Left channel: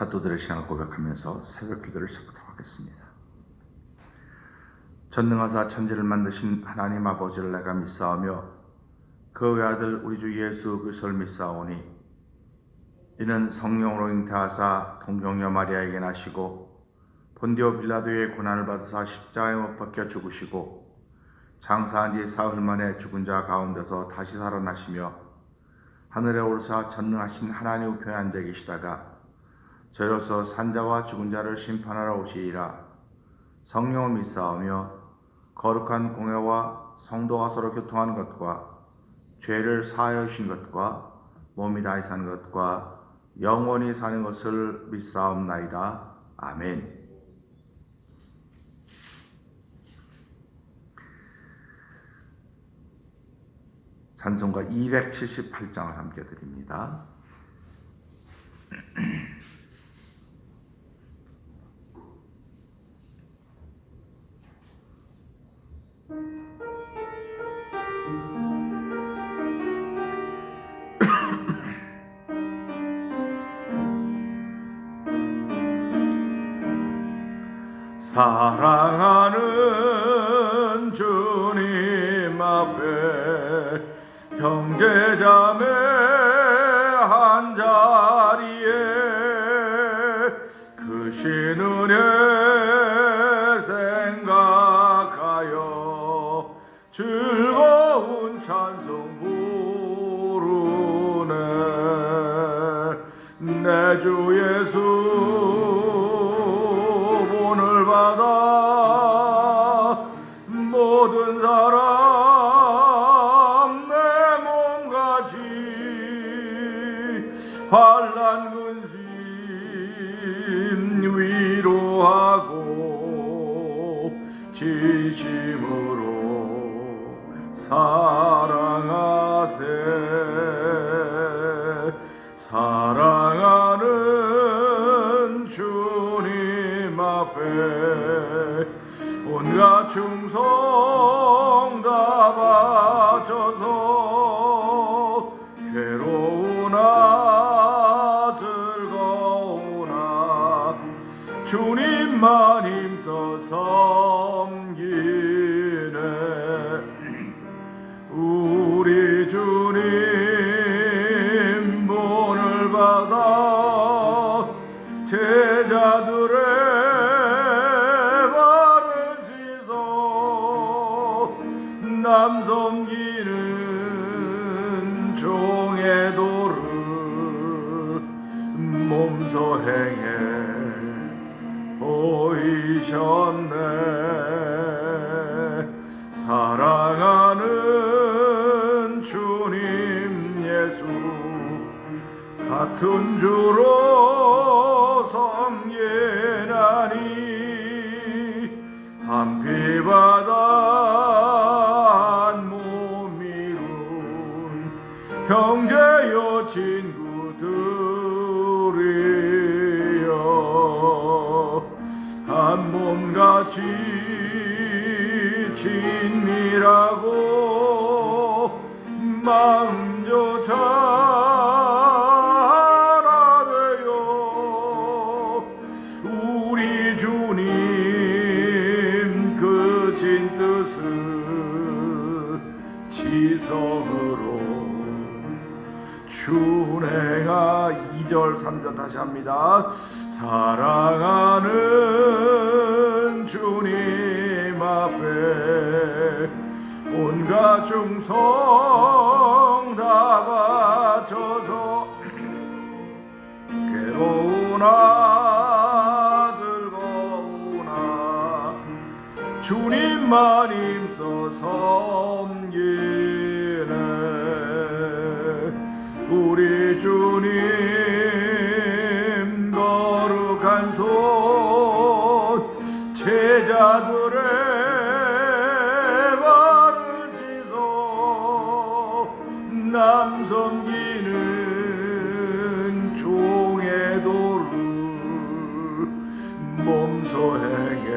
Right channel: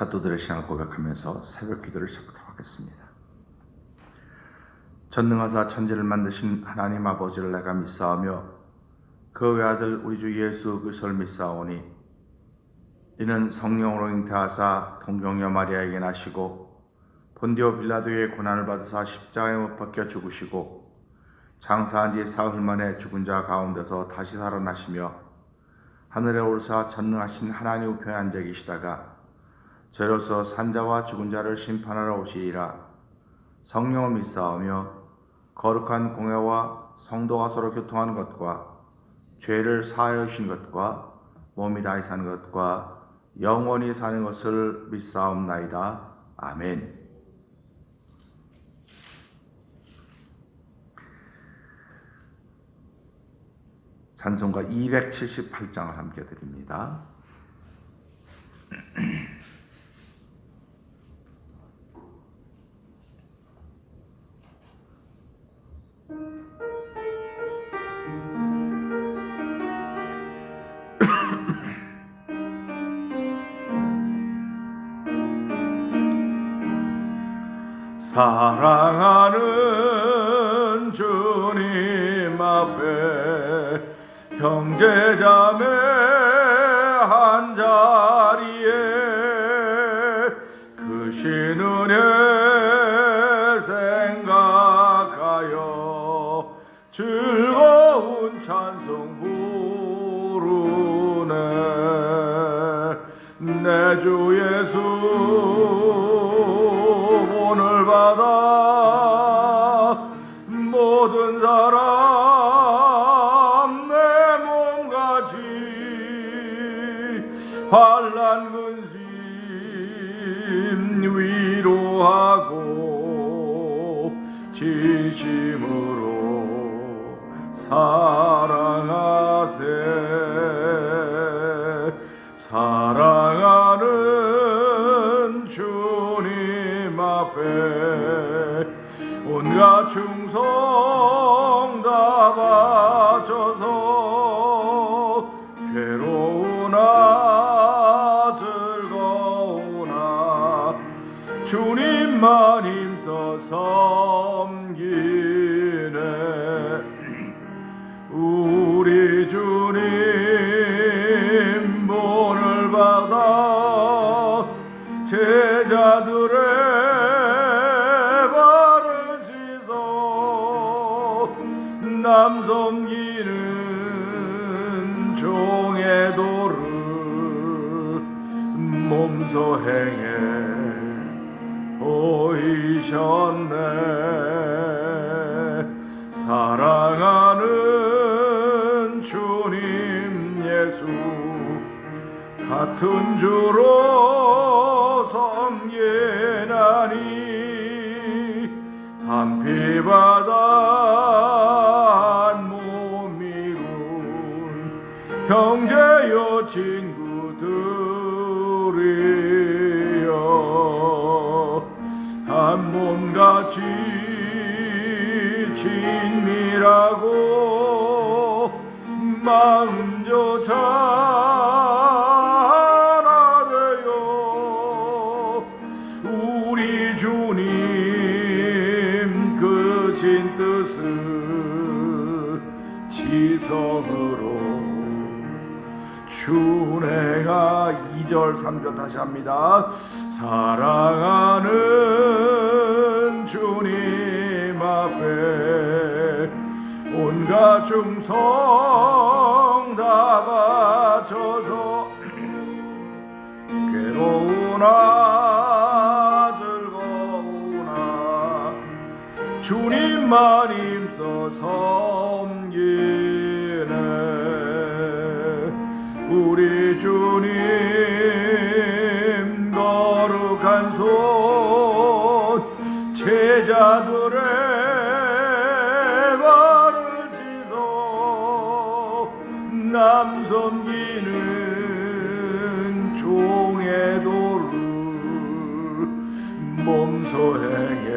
사도들의 신앙을 고백하면서 새벽 기도를 시작하도록 하겠습니다. 전능하사 천지를 만드신 하나님 아버지를 내가 믿사오며 그 외아들 우리 주 예수 그리스도를 믿사오니 이는 성령으로 잉태하사 동정녀 마리아에게 나시고 본디오 빌라도의 고난을 받으사 십자가에 못 박혀 죽으시고 장사한 지 사흘 만에 죽은 자 가운데서 다시 살아나시며 하늘에 오르사 전능하신 하나님 우편에 앉아 계시다가 저로서 산자와 죽은 자를 심판하러 오시리라. 성령을 믿사오며 거룩한 공회와 성도가 서로 교통하는 것과 죄를 사하여 주신 것과 몸이 다시 사는 것과 영원히 사는 것을 믿사옵나이다. 아멘. 찬송가 278장을 함께 드립니다. 사랑하는 주님 앞에 형제자매 한자리에 그 신은혜 생각하여 즐거운 찬송 부르네. 내 주 예수 오늘 받아 모든 사람 내 몸같이 환난 근심 위로하고 진심으로 사랑하세. 사랑하는 주님 앞에 온갖 충성 다 바쳐서 괴로우나 즐거우나 주님만 힘써 섬기네. 우리 주님 본을 받아 제자들의 발을 씻어 남 섬기는 종의 도를 몸소 행해 보이셨네. 사랑하는 주님 예수 같은 주로 섬기나니 한 피바다 한 몸 이룬 형제여 친구들이여 한 몸같이 친밀하고 마음조차 하나 되어 우리 주님 크신 뜻을 지성으로 준행하. 2절 3절 다시 합니다. 사랑하는 주님 앞에 온갖 충성 다 바쳐서 괴로우나 즐거우나 주님만 힘써 섬기네. 우리 주님 거룩한 손 제자들의 발을 씻어 남 섬기는 종의 도를 몸소 행해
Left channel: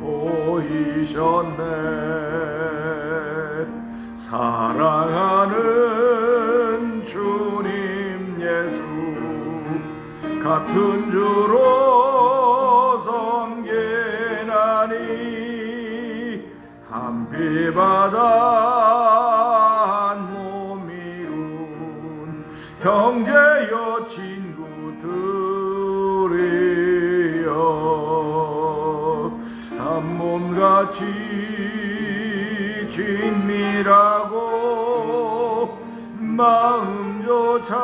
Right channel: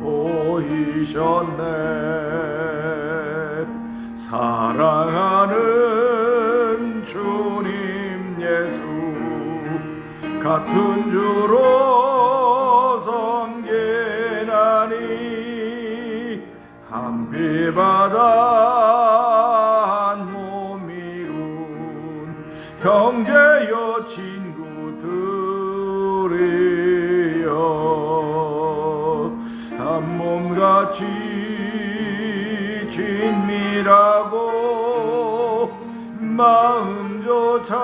보이셨네. 사랑하는 주님 같은 주로 섬기나니 한비바다 한 몸이군 형제여 친구들이여 한 몸같이 친밀하고 마음조차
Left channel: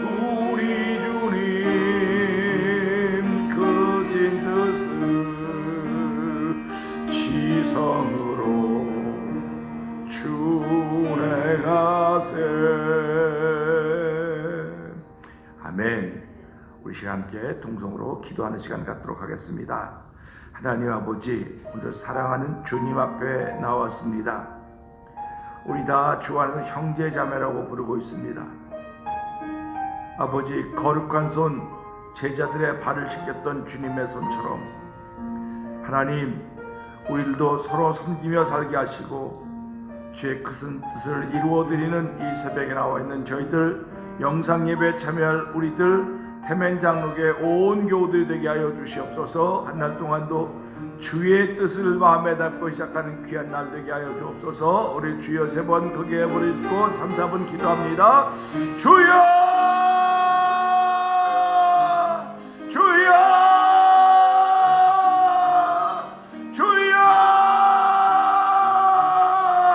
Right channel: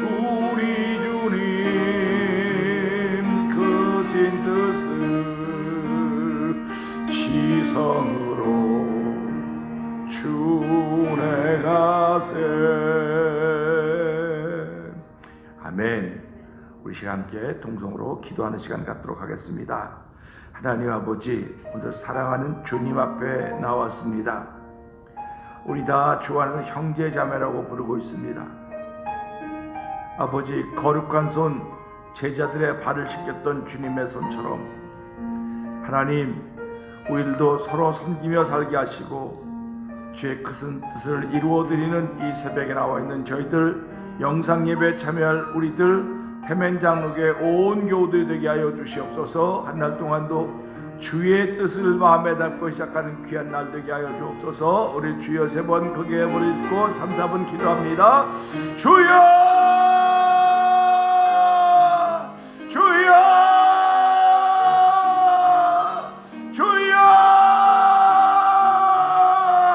우리 주님 크신 뜻을 지성으로 준행하세. 아멘. 우리 시간 함께 동성으로 기도하는 시간 갖도록 하겠습니다. 하나님 아버지, 오늘 사랑하는 주님 앞에 나왔습니다. 우리 다 주 안에서 형제 자매라고 부르고 있습니다. 아버지, 거룩한 손 제자들의 발을 씻겼던 주님의 손처럼 하나님, 우리들도 서로 섬기며 살게 하시고 주의 큰 뜻을 이루어드리는 이 새벽에 나와 있는 저희들, 영상 예배에 참여할 우리들, 태멘 장로교의 온 교우들이 되게 하여 주시옵소서. 한 날 동안도 주의 뜻을 마음에 담고 시작하는 귀한 날 되게 하여 주옵소서. 우리 주여 3번 크게 부르고 3, 4번 기도합니다. 주여, 주여, 주여.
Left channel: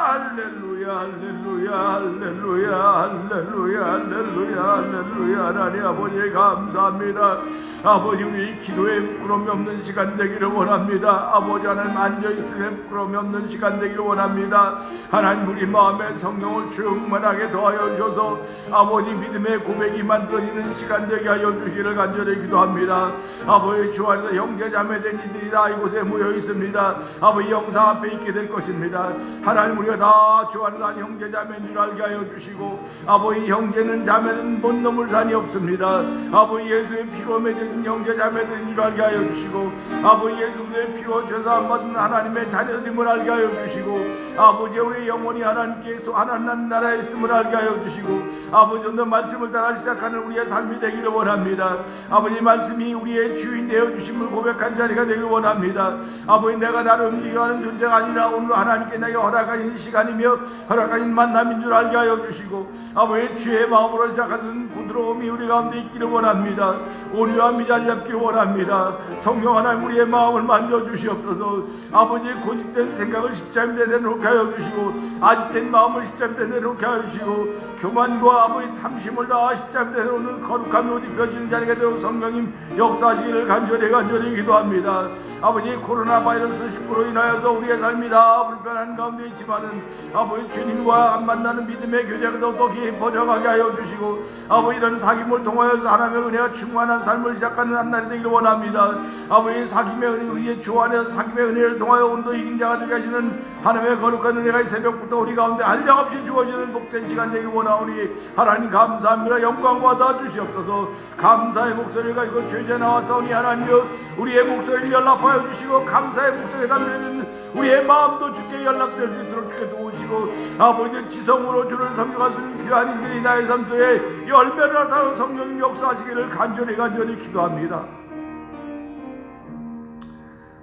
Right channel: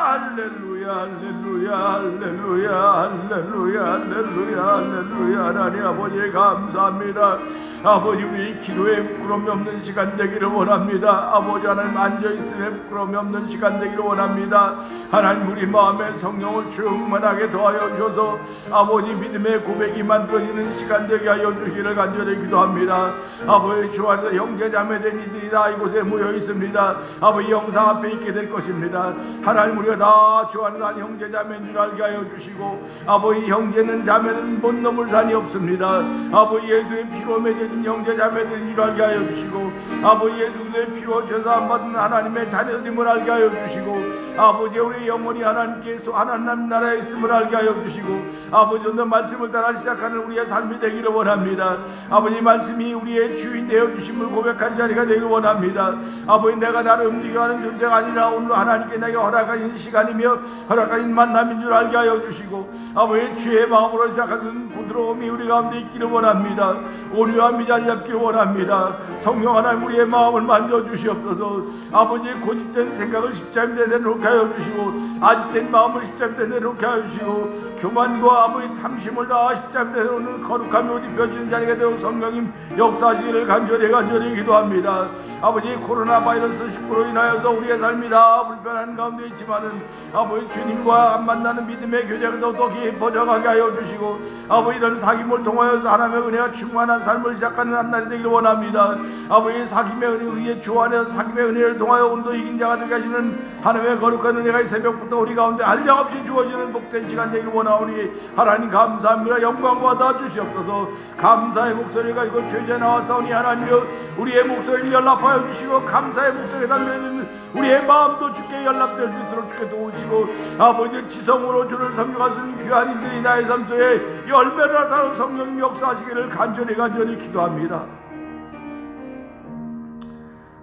할렐루야, 할렐루야, 할렐루야, 할렐루야, 할렐루야, 할렐루야. 하나님 아버지 감사합니다. 아버지, 우리 기도에 부끄러움이 없는 시간 되기를 원합니다. 아버지 하나님, 앉아있음에 부끄러움이 없는 시간 되기를 원합니다. 하나님, 우리 마음에 성령을 충만하게 더하여 주셔서 아버지 믿음의 고백이 만들어지는 시간 되게 하여 주시기를 간절히 기도합니다. 아버지, 주 안에서 형제자매된 이들이 다 이곳에 모여 있습니다. 아버지, 영상 앞에 있게 될 것입니다. 하나님, 우리가 다 주 안에서 한 형제자매인 줄 알게 하여 주시고 아버지, 형제는 자매는 못 넘을 산이 없습니다. 아버지, 예수의 피로 맺어진 형제자매들인 줄 알게 하여 주시고 아버지, 예수의 피로 죄사함 받은 하나님의 자녀님을 알게 하여 주시고 아버지, 우리 영혼이 하나님께 하나님 나라에 있음을 알게 하여 주시고 아버지, 오늘 말씀을 따라 시작하는 우리의 삶이 되기를 원합니다. 아버지, 말씀이 우리의 주인 되어 주심을 고백한 자리가 되기를 원합니다. 아버지, 내가 나를 움직여가는 존재가 아니라 오늘 하나님께 내게 허락하신 시간이며 허락하신 만남인 줄 알게 하여 주시고 아버지, 주의 마음으로 시작하는 부드러움이 우리 가운데 있기를 원합니다. 온유함이 자리 잡기를 원합니다. 성령 하나님, 우리의 마음을 만져주시옵소서. 아버지, 고집된 생각을 십자가에 내놓게 하여 주시고 아직된 마음을 십자가에 내놓게 하여 주시고 교만과 아버지 탐심을 다 십자가에 내놓는 거룩함이 옷 입혀지는 자리가 되어 성령님 역사하시기를 간절히 기도합니다. 아버지, 코로나 바이러스 19로 인하여서 우리의 삶이 다 불편한 가운데 있지만은 아버지, 주님과 만나는 믿음의 교제가 더 깊어져가게 하여 주시고 아버지, 이런 사귐을 통하여서 하나님의 은혜가 충만한 삶을 시작하는 한 날이 되기를 원합니다. 아버지, 사귐의 은혜의 주 안에서 사귐의 은혜를 통하여 오늘도 이긴 자가 되게 하시는 하나님의 거룩한 은혜가 이 새벽부터 우리 가운데 한량없이 주어지는 복된 시간 되기를 원하오니 하나님 감사합니다. 영광 받아 주시옵소서. 감사의 목소리가 이곳 죄제 나와서니 하나님여, 우리의 목소리를 연락하여 주시고 감사의 목소리에 담겨있는 우리의 마음도 주께 연락될 수 있도록 주께 도우시고 아버지, 지성으로 주를 섬겨가시는 귀한 이들이 나의 삶 속에 열매를 나타내는 성령 역사하시기를 간절히 기도합니다.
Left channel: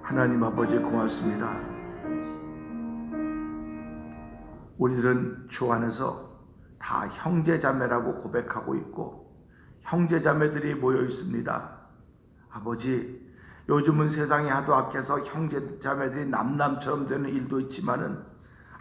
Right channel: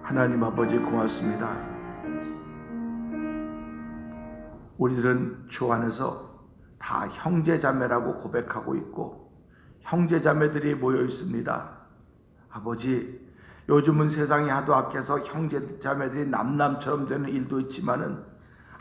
하나님 아버지 고맙습니다. 우리들은 주 안에서 다 형제자매라고 고백하고 있고 형제자매들이 모여 있습니다. 아버지, 요즘은 세상이 하도 악해서 형제자매들이 남남처럼 되는 일도 있지만은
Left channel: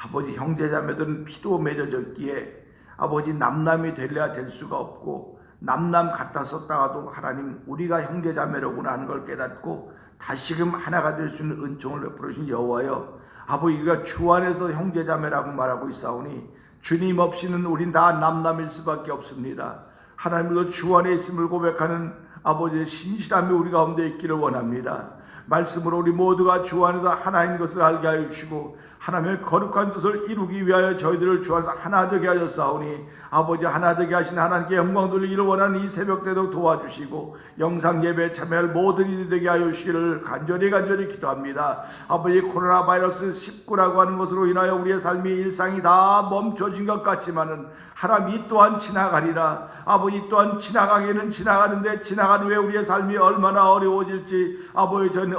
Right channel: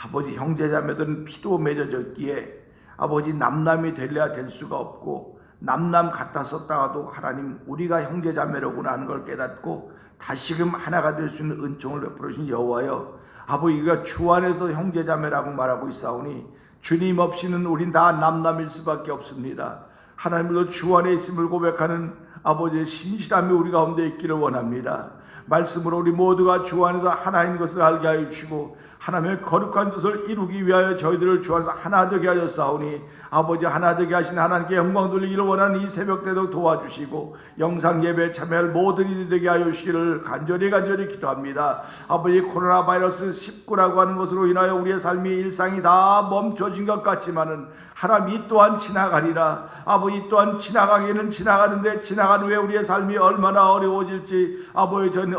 아버지, 형제자매들은 피도 맺어졌기에 아버지, 남남이 되려야 될 수가 없고 남남 갖다 썼다가도 하나님, 우리가 형제자매로구나 하는 걸 깨닫고 다시금 하나가 될 수 있는 은총을 베풀어 주신 여호와여, 아버지가 주 안에서 형제자매라고 말하고 있사오니 주님 없이는 우린 다 남남일 수밖에 없습니다. 하나님도 주 안에 있음을 고백하는 아버지의 신실함이 우리 가운데 있기를 원합니다. 말씀으로 우리 모두가 주 안에서 하나인 것을 알게 하여 주시고 하나님의 거룩한 뜻을 이루기 위하여 저희들을 주 안에서 하나 되게 하였사오니 아버지 하나 되게 하신 하나님께 영광 돌리기를 원하는 이 새벽 때도 도와주시고 영상 예배에 참여할 모든 이들이 되게 하여 주시기를 간절히 기도합니다. 아버지 코로나 바이러스 19라고 하는 것으로 인하여 우리의 삶이 일상이 다 멈춰진 것 같지만은 하나님 이 또한 지나가리라. 아버지 또한 지나가기는 지나가는데 지나간 후에 우리의 삶이 얼마나 어려워질지 아버지 저는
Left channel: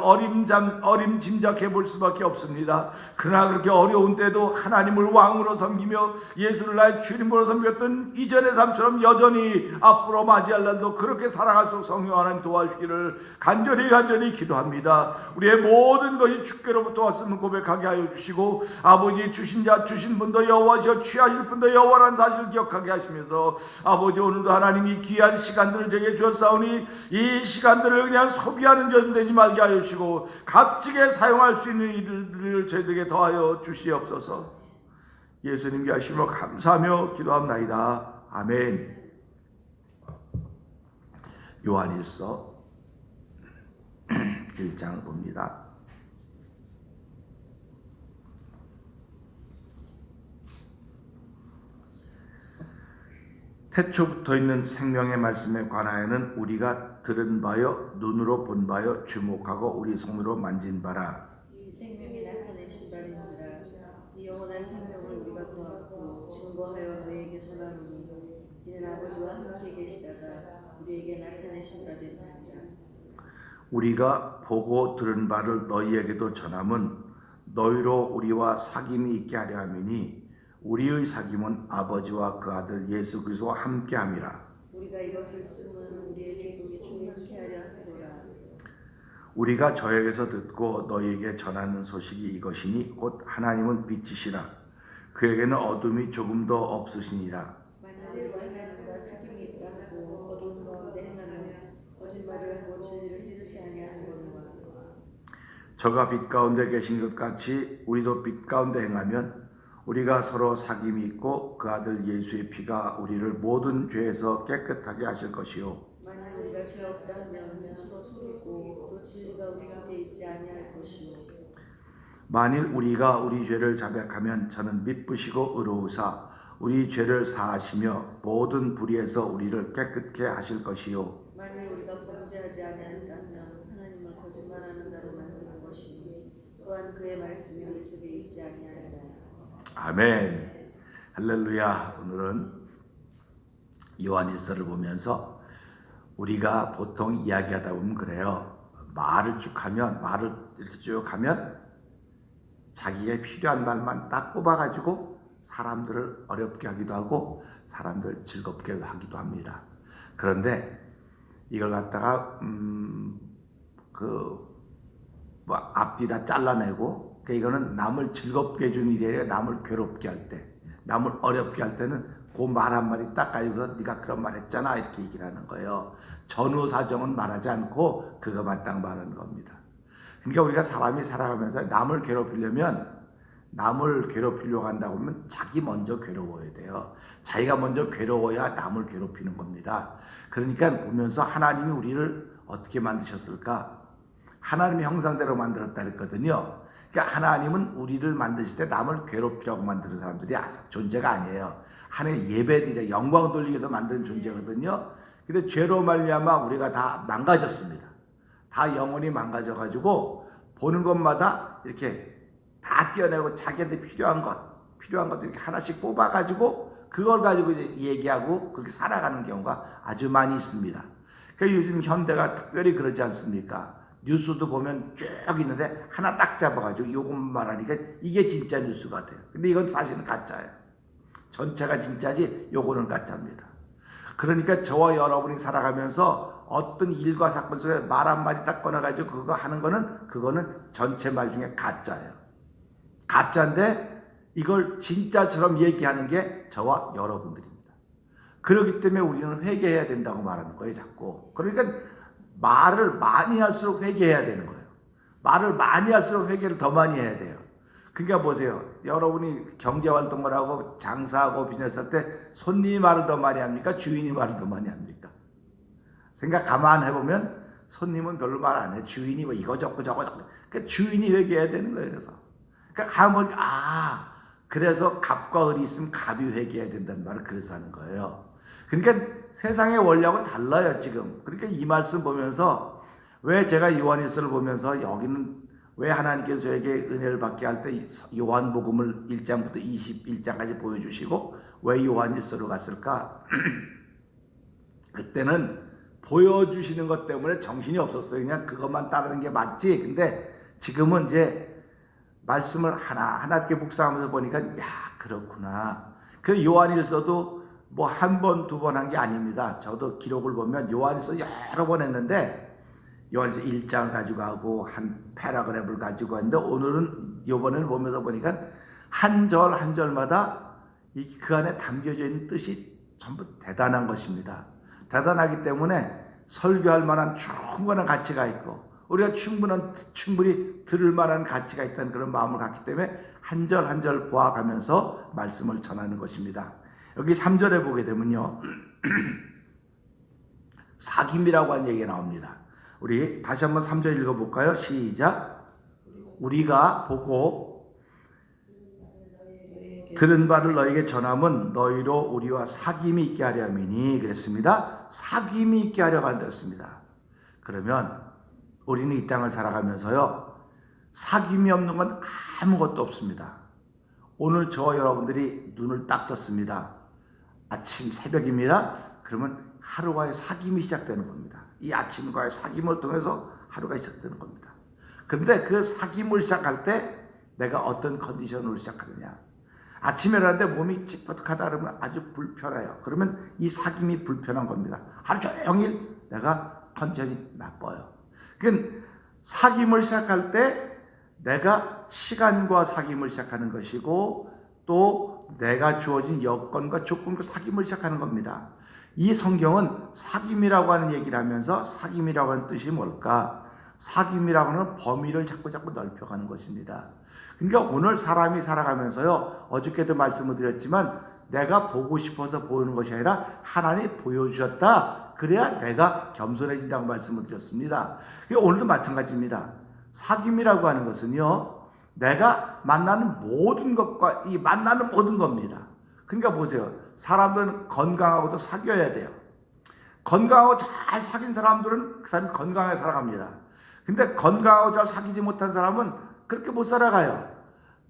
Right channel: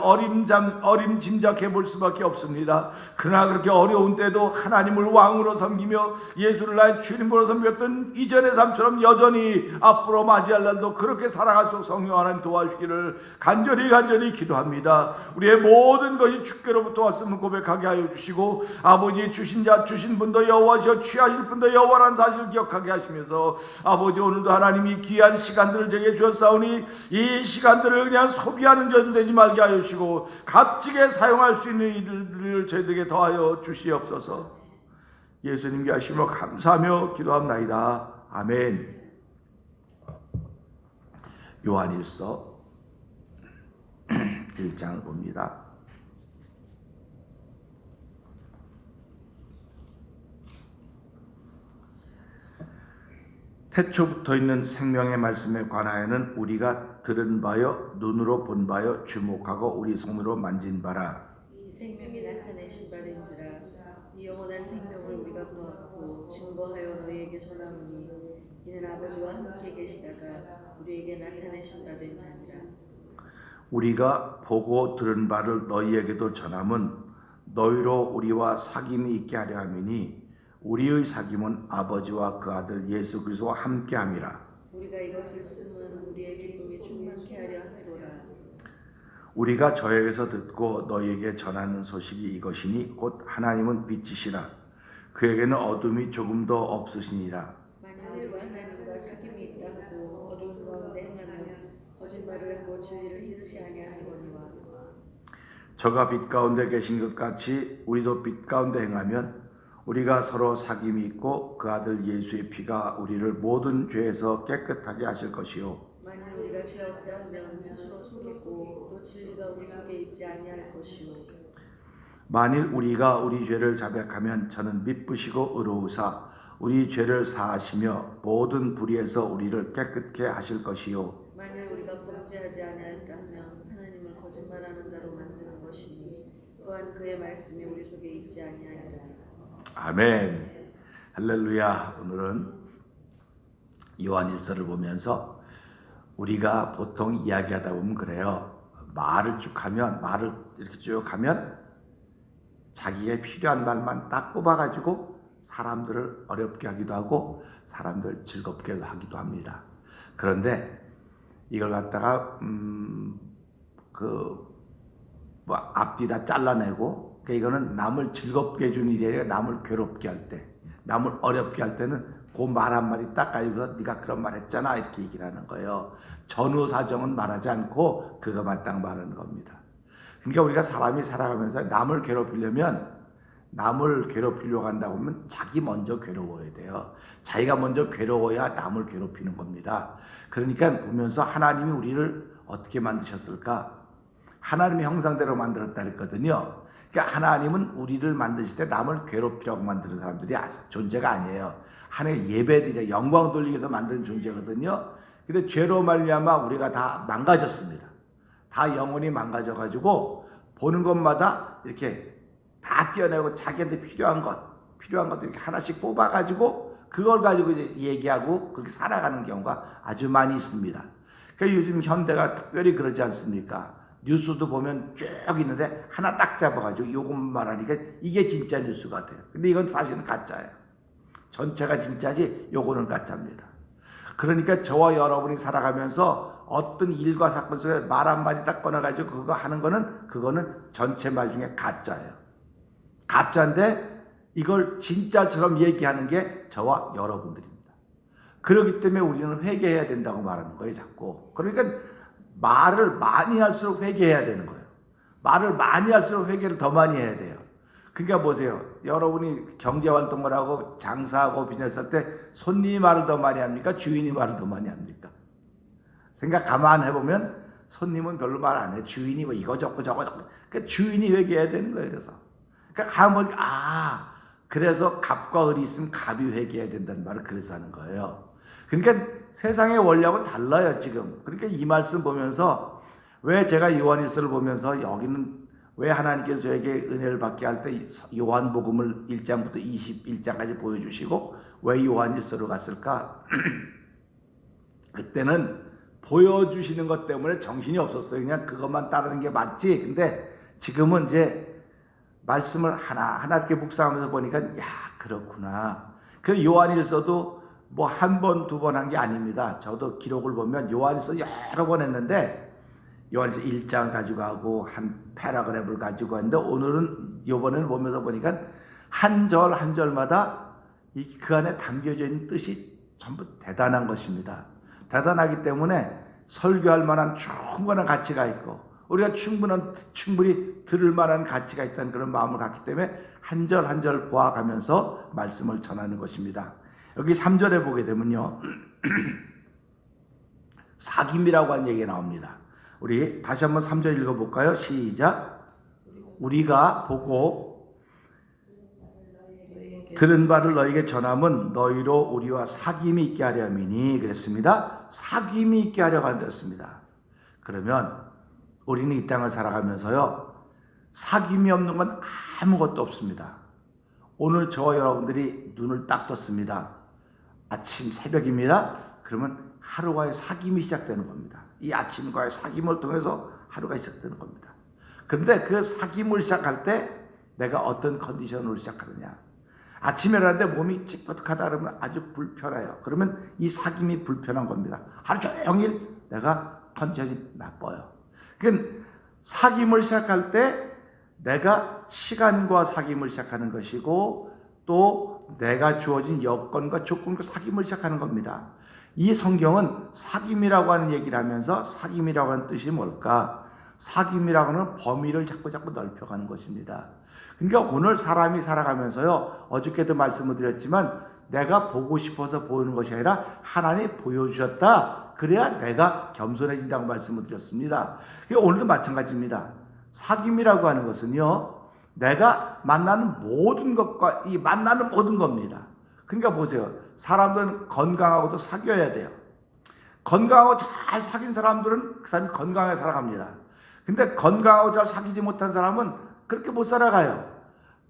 어림짐작해 볼 수밖에 없습니다. 그러나 그렇게 어려운 때도 하나님을 왕으로 섬기며 예수를 나의 주님으로 섬겼던 이전의 삶처럼 여전히 앞으로 맞이할란도 그렇게 살아갈 수 있도록 성령 하나님 도와주기를 간절히 기도합니다. 우리의 모든 것이 주께로부터 왔음을 고백하게 하여 주시고 아버지 주신 분도 여호와시여 취하실 분도 여호와라는 사실을 기억하게 하시면서 아버지 오늘도 하나님이 귀한 시간들을 제게 주었사오니 이 시간들을 그냥 소비하는 저들 되지 말게 하여 주시고 값지게 사용할 수 있는 이들을 저희들에게 더하여 주시옵소서. 예수님께 하심을 감사하며 기도합나이다. 아멘. 요한일서 1장을 봅니다. 태초부터 있는 생명의 말씀에 관하여는 우리가 들은 바요 눈으로 본 바요 주목하고 우리 손으로 만진 바라. 이 생명이 나타내신 바인지라. 이 영원한 생명을 우리가 보았고 증거하여 너희에게 전하노니 이는 아버지와 함께 계시다가 우리에게 나타내신 바 된 자니라. 우리가 보고 들은 바를 너희에게도 전함은 너희로 우리와 사귐이 있게 하려 함이니 우리의 사귐은 아버지와 그 아들 예수 그리스도와 함께함이라. 우리가 이것을 쓰면 우리의 기쁨이 충만케 하려 함이로라. 우리가 저에게서 듣고 너희에게 전하는 소식이 이것이니 곧 하나님은 빛이시라. 그에게는 어둠이 조금도 없으시니라. 만일 우리가 하나님과 사귐이 있다 하고 어두운 가운데 행하면 거짓말을 하고 진리를 잃지 아니하노라. 저가 빛 가운데 계신 것 같이 우리도 빛 가운데 행하면 우리가 서로 사귐이 있고 그 아들 예수의 피가 우리를 모든 죄에서 깨끗하게 하실 것이요. 만일 우리가 죄하였다 하면 스스로 속이고 또 진리가 우리 속에 있지 아니할 것이요. 만일 우리가 우리 죄를 자백하면 저는 미쁘시고 의로우사 우리 죄를 사하시며 모든 불의에서 우리를 깨끗게 하실 것이요. 만일 우리가 범죄하지 아니하였다 하면 하나님을 거짓말하는 자로 만드는 것이니 또한 그의 말씀이 우리 속에 있지 아니하리라. 아멘. 할렐루야. 오늘은 요한일서를 보면서 우리가 보통 이야기하다 보면 그래요. 말을 이렇게 쭉 하면 자기가 필요한 말만 딱 뽑아가지고 사람들을 어렵게 하기도 하고 사람들 즐겁게 하기도 합니다. 그런데 이걸 갖다가 앞뒤 다 잘라내고 이거는 남을 즐겁게 해주는 일이 아니라 남을 괴롭게 할 때, 남을 어렵게 할 때는 그 말 한마디 딱 가지고서 네가 그런 말 했잖아 이렇게 얘기를 하는 거예요. 전후 사정은 말하지 않고 그것만 딱 말하는 겁니다. 그러니까 우리가 사람이 살아가면서 남을 괴롭히려고 한다고 하면 자기 먼저 괴로워야 돼요. 자기가 먼저 괴로워야 남을 괴롭히는 겁니다. 그러니까 보면서 하나님이 우리를 어떻게 만드셨을까? 하나님의 형상대로 만들었다 그랬거든요. 그러니까 하나님은 우리를 만드실 때 남을 괴롭히려고 만드는 사람들이 존재가 아니에요. 하나님의 예배드려 영광 돌리기 위해서 만든 존재거든요. 근데 죄로 말미암아 우리가 다 망가졌습니다. 다 영혼이 망가져가지고 보는 것마다 이렇게 다 떼어내고 자기한테 필요한 것도 이렇게 하나씩 뽑아가지고 그걸 가지고 이제 얘기하고 그렇게 살아가는 경우가 아주 많이 있습니다. 그러니까 요즘 현대가 특별히 그러지 않습니까? 뉴스도 보면 쭉 있는데 하나 딱 잡아가지고 요것만 말하니까 이게 진짜 뉴스 같아요. 근데 이건 사실은 가짜예요. 전체가 진짜지 요거는 가짜입니다. 그러니까 저와 여러분이 살아가면서 어떤 일과 사건 속에 말 한마디 딱 꺼내가지고 그거 하는 그거는 전체 말 중에 가짜예요. 가짜인데 이걸 진짜처럼 얘기하는 게 저와 여러분들입니다. 그렇기 때문에 우리는 회개해야 된다고 말하는 거예요, 자꾸. 그러니까 말을 많이 할수록 회개해야 되는 거예요. 말을 많이 할수록 회개를 더 많이 해야 돼요. 그러니까 보세요. 여러분이 경제활동을 하고 장사하고 비즈니스 할 때 손님이 말을 더 많이 합니까? 주인이 말을 더 많이 합니까? 생각 가만해보면 손님은 별로 말 안 해요. 주인이 뭐 이거 저거. 그러니까 주인이 회개해야 되는 거예요. 그래서. 그러니까 한번 그래서 갑과 을이 있으면 갑이 회개해야 된다는 말을 그래서 하는 거예요. 그러니까 세상의 원리하고는 달라요 지금. 그러니까 이 말씀 보면서 왜 제가 요한일서를 보면서 여기는 왜 하나님께서 저에게 은혜를 받게 할 때 요한복음을 1장부터 21장까지 보여주시고 왜 요한일서로 갔을까? 그때는 보여주시는 것 때문에 정신이 없었어요. 그냥 그것만 따르는 게 맞지. 근데 지금은 이제 말씀을 하나하나 이렇게 묵상하면서 보니까 그렇구나. 그 요한일서도 뭐 한 번, 두 번 한 게 아닙니다. 저도 기록을 보면 요한일서 여러 번 했는데 요한일서 1장 가지고 하고 한 패러그래프를 가지고 하는데 오늘은 이번에는 보면서 보니까 한 절 한 절마다 그 안에 담겨져 있는 뜻이 전부 대단한 것입니다. 대단하기 때문에 설교할 만한 충분한 가치가 있고 우리가 충분히 들을 만한 가치가 있다는 그런 마음을 갖기 때문에 한 절 한 절 보아가면서 말씀을 전하는 것입니다. 여기 3절에 보게 되면요. 사귐이라고 하는 얘기가 나옵니다. 우리 다시 한번 3절 읽어볼까요? 시작. 우리가 보고 들은 바를 너에게 전함은 너희로 우리와 사귐이 있게 하려 함이니 그랬습니다. 사귐이 있게 하려고 한다였습니다. 그러면 우리는 이 땅을 살아가면서요. 사귐이 없는 건 아무것도 없습니다. 오늘 저와 여러분들이 눈을 딱 떴습니다. 아침 새벽입니다. 그러면 하루와의 사귐이 시작되는 겁니다. 이 아침과의 사귐을 통해서 하루가 시작되는 겁니다. 그런데 그 사귐을 시작할 때 내가 어떤 컨디션으로 시작하느냐. 아침에 일어났는데 몸이 찌뿌듯하다 그러면 아주 불편해요. 그러면 이 사귐이 불편한 겁니다. 하루 종일 내가 컨디션이 나빠요. 그러니까 사귐을 시작할 때 내가 시간과 사귐을 시작하는 것이고 또 내가 주어진 여건과 조건과 사귐을 시작하는 겁니다. 이 성경은 사귐이라고 하는 얘기를 하면서 사귐이라고 하는 뜻이 뭘까? 사귐이라고 하는 범위를 자꾸 넓혀가는 것입니다. 그러니까 오늘 사람이 살아가면서요. 어저께도 말씀을 드렸지만 내가 보고 싶어서 보이는 것이 아니라 하나님이 보여주셨다. 그래야 내가 겸손해진다고 말씀을 드렸습니다. 오늘도 마찬가지입니다. 사귐이라고 하는 것은요. 내가 만나는 모든 것과 이 만나는 모든 겁니다. 그러니까 보세요. 사람들은 건강하고도 사귀어야 돼요. 건강하고 잘 사귄 사람들은 그 사람이 건강하게 살아갑니다. 근데 건강하고 잘 사귀지 못한 사람은 그렇게 못 살아가요.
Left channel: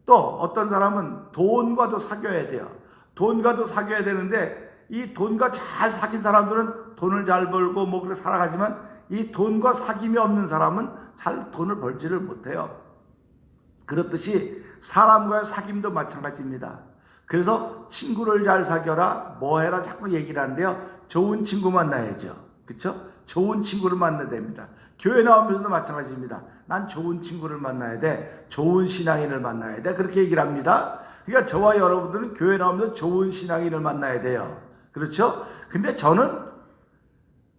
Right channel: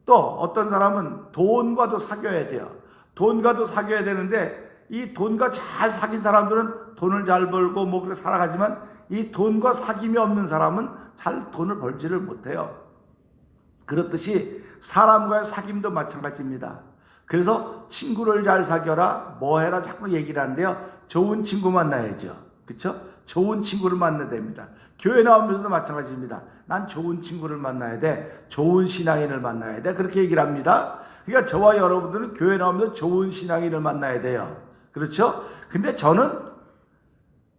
또 어떤 사람은 돈과도 사귀어야 돼요. 돈과도 사귀어야 되는데 이 돈과 잘 사귄 사람들은 돈을 잘 벌고 뭐 그렇게 살아가지만 이 돈과 사귐이 없는 사람은 잘 돈을 벌지를 못해요. 그렇듯이 사람과의 사귐도 마찬가지입니다. 그래서 친구를 잘 사귀어라 뭐 해라 자꾸 얘기를 하는데요. 좋은 친구 만나야죠. 그렇죠? 좋은 친구를 만나야 됩니다. 교회 나오면서도 마찬가지입니다. 난 좋은 친구를 만나야 돼. 좋은 신앙인을 만나야 돼. 그렇게 얘기를 합니다. 그러니까 저와 여러분들은 교회 나오면서 좋은 신앙인을 만나야 돼요. 그렇죠? 근데 저는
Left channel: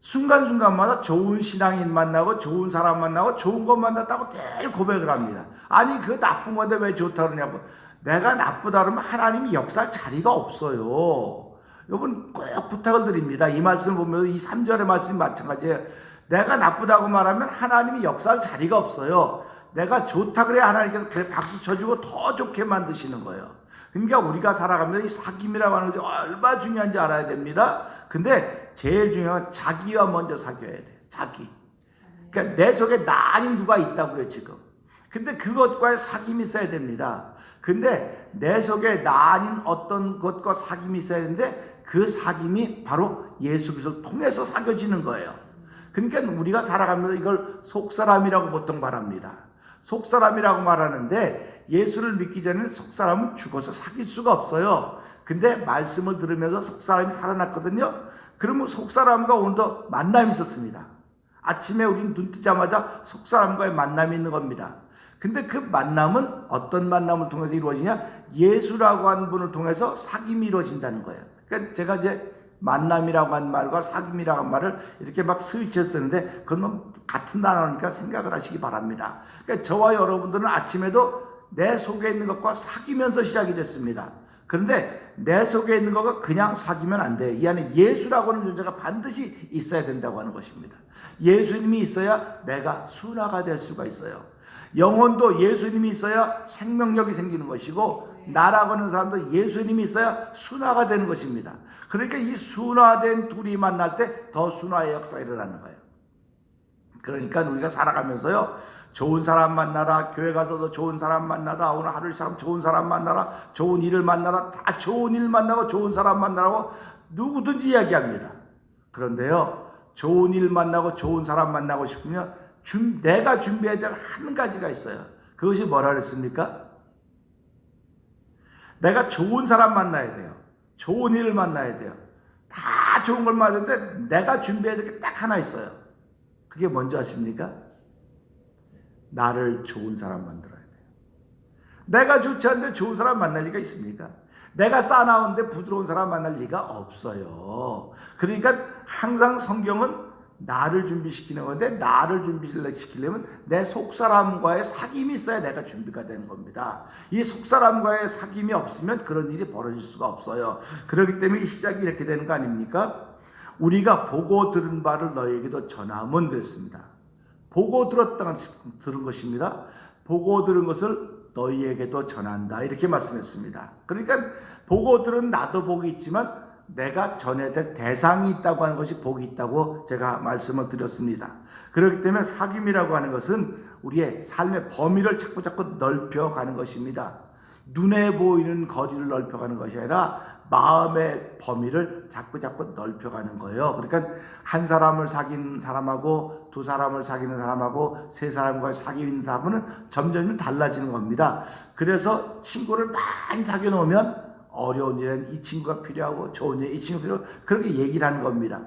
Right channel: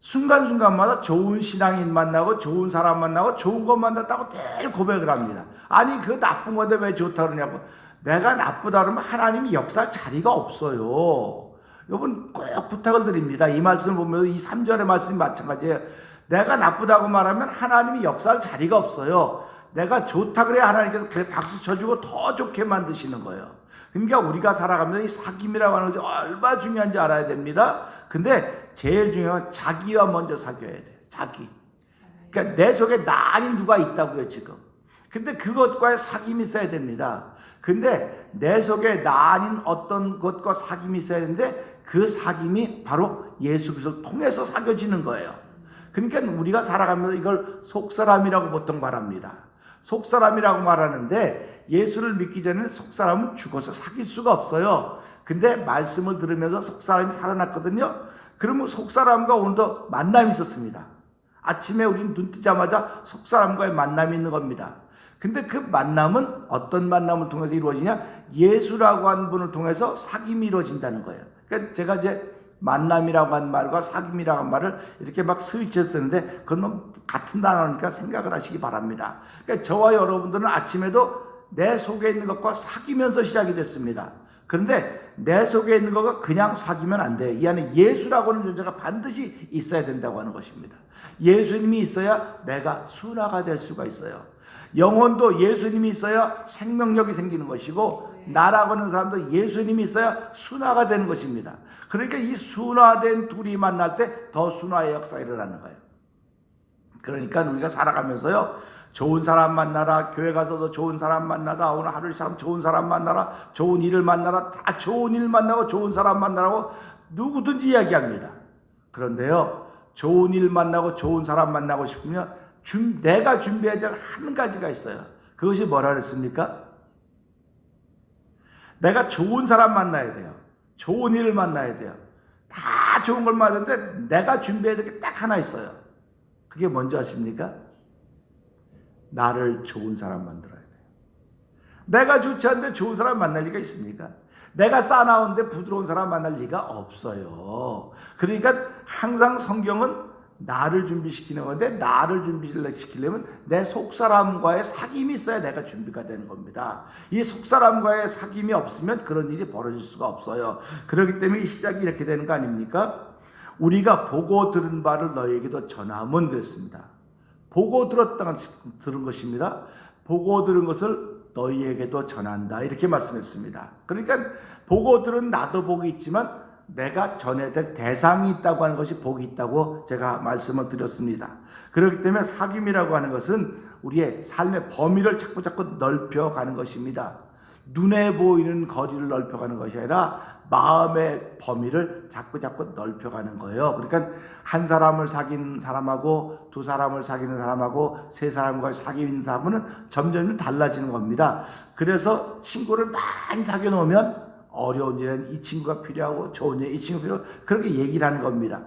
순간순간마다 좋은 신앙인 만나고 좋은 사람 만나고 좋은 것 만났다고 늘 고백을 합니다. 아니 그 나쁜 건데 왜 좋다 그러냐고. 내가 나쁘다 그러면 하나님이 역사할 자리가 없어요. 여러분 꼭 부탁을 드립니다. 이 말씀을 보면서 이 3절의 말씀 마찬가지예요. 내가 나쁘다고 말하면 하나님이 역사할 자리가 없어요. 내가 좋다 그래야 하나님께서 그래 박수 쳐주고 더 좋게 만드시는 거예요. 그러니까 우리가 살아가면서 이 사귐이라고 하는 것이 얼마나 중요한지 알아야 됩니다. 근데 제일 중요한 건 자기와 먼저 사귀어야 돼요. 자기. 그러니까 내 속에 나 아닌 누가 있다고요 지금. 근데 그것과의 사귐이 있어야 됩니다. 근데 내 속에 나 아닌 어떤 것과 사귐이 있어야 되는데 그 사귐이 바로 예수 그리스도를 통해서 사귀어지는 거예요. 그러니까 우리가 살아가면서 이걸 속사람이라고 보통 말합니다. 속사람이라고 말하는데 예수를 믿기 전에는 속사람은 죽어서 사귈 수가 없어요. 근데 말씀을 들으면서 속사람이 살아났거든요. 그러면 속사람과 오늘도 만남이 있었습니다. 아침에 우리는 눈 뜨자마자 속사람과의 만남이 있는 겁니다. 근데 그 만남은 어떤 만남을 통해서 이루어지냐? 예수라고 하는 분을 통해서 사귐이 이루어진다는 거예요. 그러니까 제가 이제 만남이라고 한 말과 사귐이라고 한 말을 이렇게 막 스위치해서 쓰는데 그건 같은 단어니까 생각을 하시기 바랍니다. 그러니까 저와 여러분들은 아침에도 내 속에 있는 것과 사귀면서 시작이 됐습니다. 그런데 내 속에 있는 것과 그냥 사귀면 안 돼요. 이 안에 예수라고 하는 존재가 반드시 있어야 된다고 하는 것입니다. 예수님이 있어야 내가 순화가 될 수가 있어요. 영혼도 예수님이 있어야 생명력이 생기는 것이고 나라고 하는 사람도 예수님이 있어야 순화가 되는 것입니다. 그러니까 이 순화된 둘이 만날 때 더 순화의 역사가 일어나는 거예요. 그러니까 우리가 살아가면서요, 좋은 사람 만나라, 교회 가서도 좋은 사람 만나라, 오늘 하루 시작 좋은 사람 만나라, 좋은 일을 만나라, 다 좋은 일 만나고 좋은 사람 만나라고 누구든지 이야기합니다. 그런데요, 좋은 일 만나고 좋은 사람 만나고 싶으면 내가 준비해야 될 한 가지가 있어요. 그것이 뭐라 그랬습니까? 내가 좋은 사람 만나야 돼요. 좋은 일을 만나야 돼요. 다 좋은 걸 만나는데 내가 준비해야 될 게 딱 하나 있어요. 그게 뭔지 아십니까? 나를 좋은 사람 만들어야 돼요. 내가 좋지 않은데 좋은 사람 만날 리가 있습니까? 내가 싸나운데 부드러운 사람 만날 리가 없어요. 그러니까 항상 성경은 나를 준비시키는 건데, 나를 준비시키려면 내 속사람과의 사귐이 있어야 내가 준비가 되는 겁니다. 이 속사람과의 사귐이 없으면 그런 일이 벌어질 수가 없어요. 그렇기 때문에 이 시작이 이렇게 되는 거 아닙니까? 우리가 보고 들은 바를 너희에게도 전하면 그랬습니다. 보고 들은 것입니다. 보고 들은 것을 너희에게도 전한다, 이렇게 말씀했습니다. 그러니까 보고 들은 나도 복이 있지만 내가 전해야 될 대상이 있다고 하는 것이 복이 있다고 제가 말씀을 드렸습니다. 그렇기 때문에 사귐이라고 하는 것은 우리의 삶의 범위를 자꾸 넓혀가는 것입니다. 눈에 보이는 거리를 넓혀가는 것이 아니라 마음의 범위를 자꾸 넓혀가는 거예요. 그러니까 한 사람을 사귄 사람하고 두 사람을 사귀는 사람하고 세 사람과 사귀는 사람은 점점 달라지는 겁니다. 그래서 친구를 많이 사귀어 놓으면 어려운 일은 이 친구가 필요하고 좋은 일은 이 친구가 필요하고 그렇게 얘기를 하는 겁니다.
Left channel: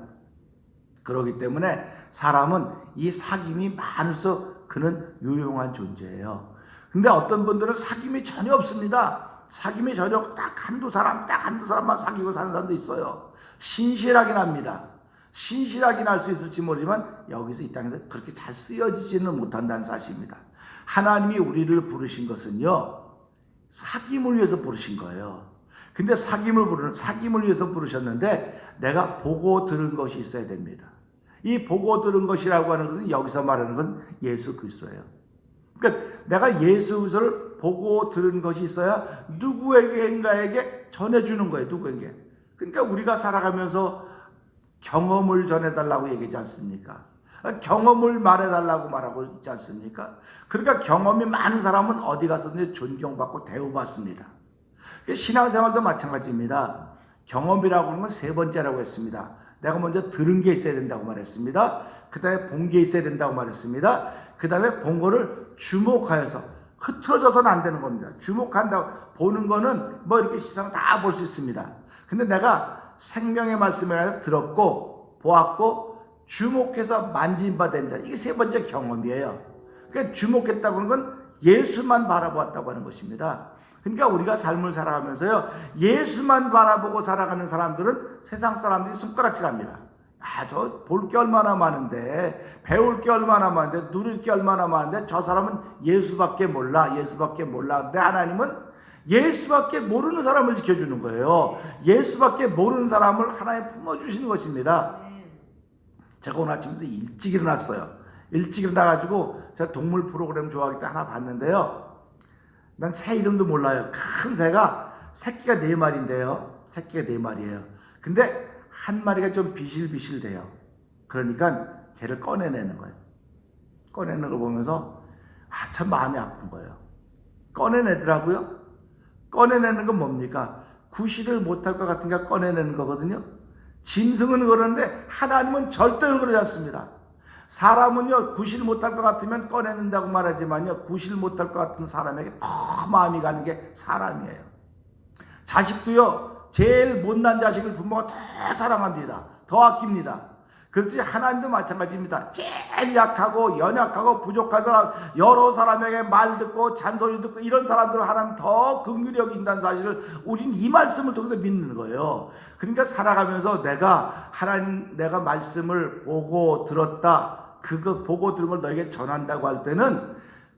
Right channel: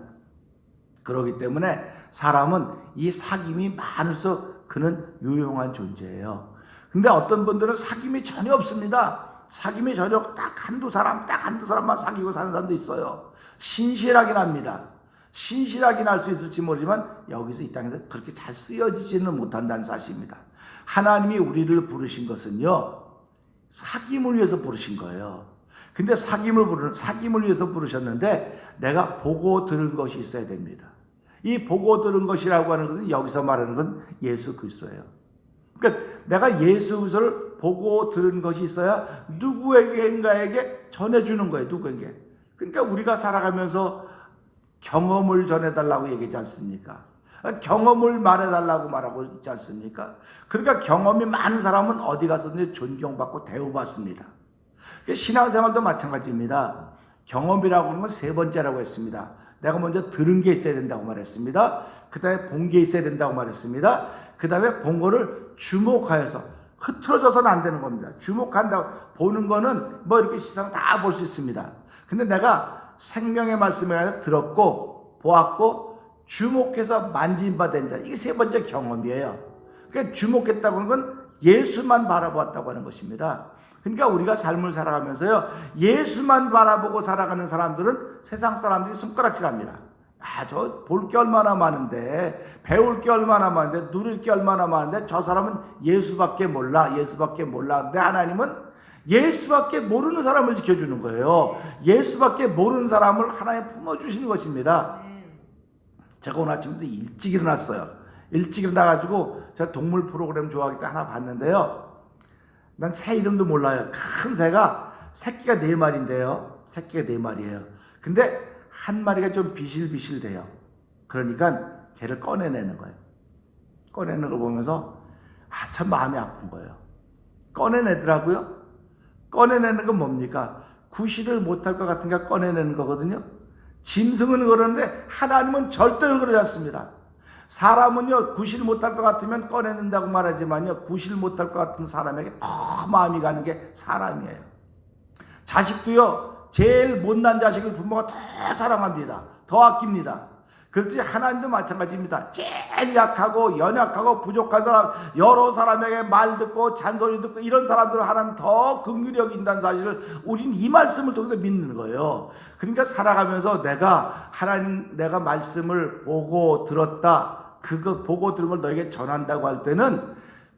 그렇기 때문에 사람은 이 사귐이 많을수록 그는 유용한 존재예요. 근데 어떤 분들은 사귐이 전혀 없습니다. 사귐이 전혀 딱 한두 사람만 사귀고 사는 사람도 있어요. 신실하긴 합니다. 신실하긴 할 수 있을지 모르지만 여기서 이 땅에서 그렇게 잘 쓰여지지는 못한다는 사실입니다. 하나님이 우리를 부르신 것은요, 사귐을 위해서 부르신 거예요. 근데 사귐을 위해서 부르셨는데 내가 보고 들은 것이 있어야 됩니다. 이 보고 들은 것이라고 하는 것은 여기서 말하는 건 예수 그리스도예요. 그러니까 내가 예수 그리스도를 보고 들은 것이 있어야 누구에게인가에게 전해주는 거예요. 누구에게. 그러니까 우리가 살아가면서 경험을 전해달라고 얘기하지 않습니까? 경험을 말해달라고 말하고 있지 않습니까? 그러니까 경험이 많은 사람은 어디 가서든지 존경받고 대우받습니다. 신앙생활도 마찬가지입니다. 경험이라고 하는 건 세 번째라고 했습니다. 내가 먼저 들은 게 있어야 된다고 말했습니다. 그 다음에 본 게 있어야 된다고 말했습니다. 그 다음에 본 거를 주목하여서, 흐트러져서는 안 되는 겁니다. 주목한다고, 보는 거는 뭐 이렇게 시선 다 볼 수 있습니다. 근데 내가 생명의 말씀을 들었고 보았고 주목해서 만진 바 된 자, 이게 세 번째 경험이에요. 그러니까 주목했다고 하는 건 예수만 바라보았다고 하는 것입니다. 그러니까 우리가 삶을 살아가면서요, 예수만 바라보고 살아가는 사람들은 세상 사람들이 손가락질합니다. 저 볼 게 얼마나 많은데, 배울 게 얼마나 많은데, 누릴 게 얼마나 많은데 저 사람은 예수밖에 몰라. 근데 하나님은 예수밖에 모르는 사람을 지켜주는 거예요. 예수밖에 모르는 사람을 하나님 품어주시는 것입니다. 제가 오늘 아침부터 일찍 일어났어요. 일찍 일어나가지고 제가 동물 프로그램 좋아하기 때문에 하나 봤는데요. 난 새 이름도 몰라요. 큰 새가, 새끼가 4마리인데요. 새끼가 4마리예요. 근데 한 마리가 좀 비실비실돼요. 그러니까 걔를 꺼내내는 거예요. 꺼내는 걸 보면서 참 마음이 아픈 거예요. 꺼내내더라고요. 꺼내내는 건 뭡니까? 구실을 못할 것 같으니까 꺼내내는 거거든요. 짐승은 그러는데 하나님은 절대 그러지 않습니다. 사람은요, 구실 못할 것 같으면 꺼내낸다고 말하지만요, 구실 못할 것 같은 사람에게 더 마음이 가는 게 사람이에요. 자식도요, 제일 못난 자식을 부모가 더 사랑합니다. 더 아낍니다. 그렇지 하나님도 마찬가지입니다. 제일 약하고 연약하고 부족한 사람, 여러 사람에게 말 듣고 잔소리 듣고 이런 사람들을 하나님 더 긍휼히 여긴다는 사실을 우리는 이 말씀을 통해서 믿는 거예요. 그러니까 살아가면서 내가 말씀을 보고 들었다, 그거 보고 들은 걸 너에게 전한다고 할 때는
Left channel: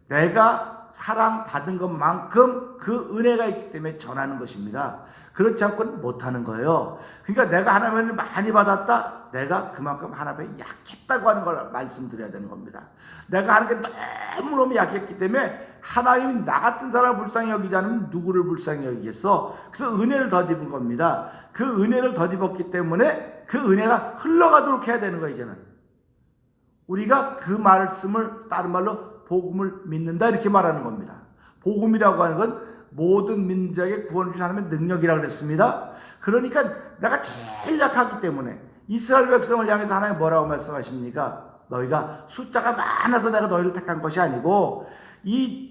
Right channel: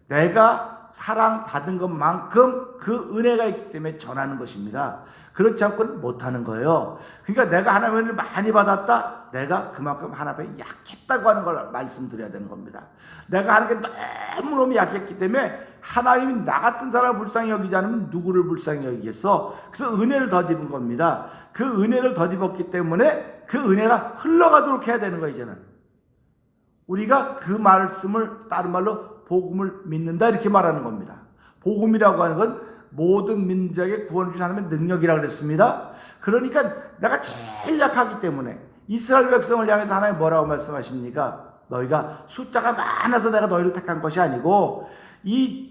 내가 사랑받은 것만큼 그 은혜가 있기 때문에 전하는 것입니다. 그렇지 않고는 못하는 거예요. 그러니까 내가 하나님의 은혜를 많이 받았다. 내가 그만큼 하나님에 약했다고 하는 걸 말씀드려야 되는 겁니다. 내가 하나님께 너무너무 약했기 때문에 하나님이 나 같은 사람을 불쌍히 여기지 않으면 누구를 불쌍히 여기겠어? 그래서 은혜를 덧입은 겁니다. 그 은혜를 덧입었기 때문에 그 은혜가 흘러가도록 해야 되는 거예요. 이제는 우리가 그 말씀을 다른 말로 복음을 믿는다 이렇게 말하는 겁니다. 복음이라고 하는 건 모든 민족에게 구원을 주신 하나님의 능력이라고 그랬습니다. 그러니까 내가 제일 약하기 때문에 이스라엘 백성을 향해서 하나님 뭐라고 말씀하십니까? 너희가 숫자가 많아서 내가 너희를 택한 것이 아니고 이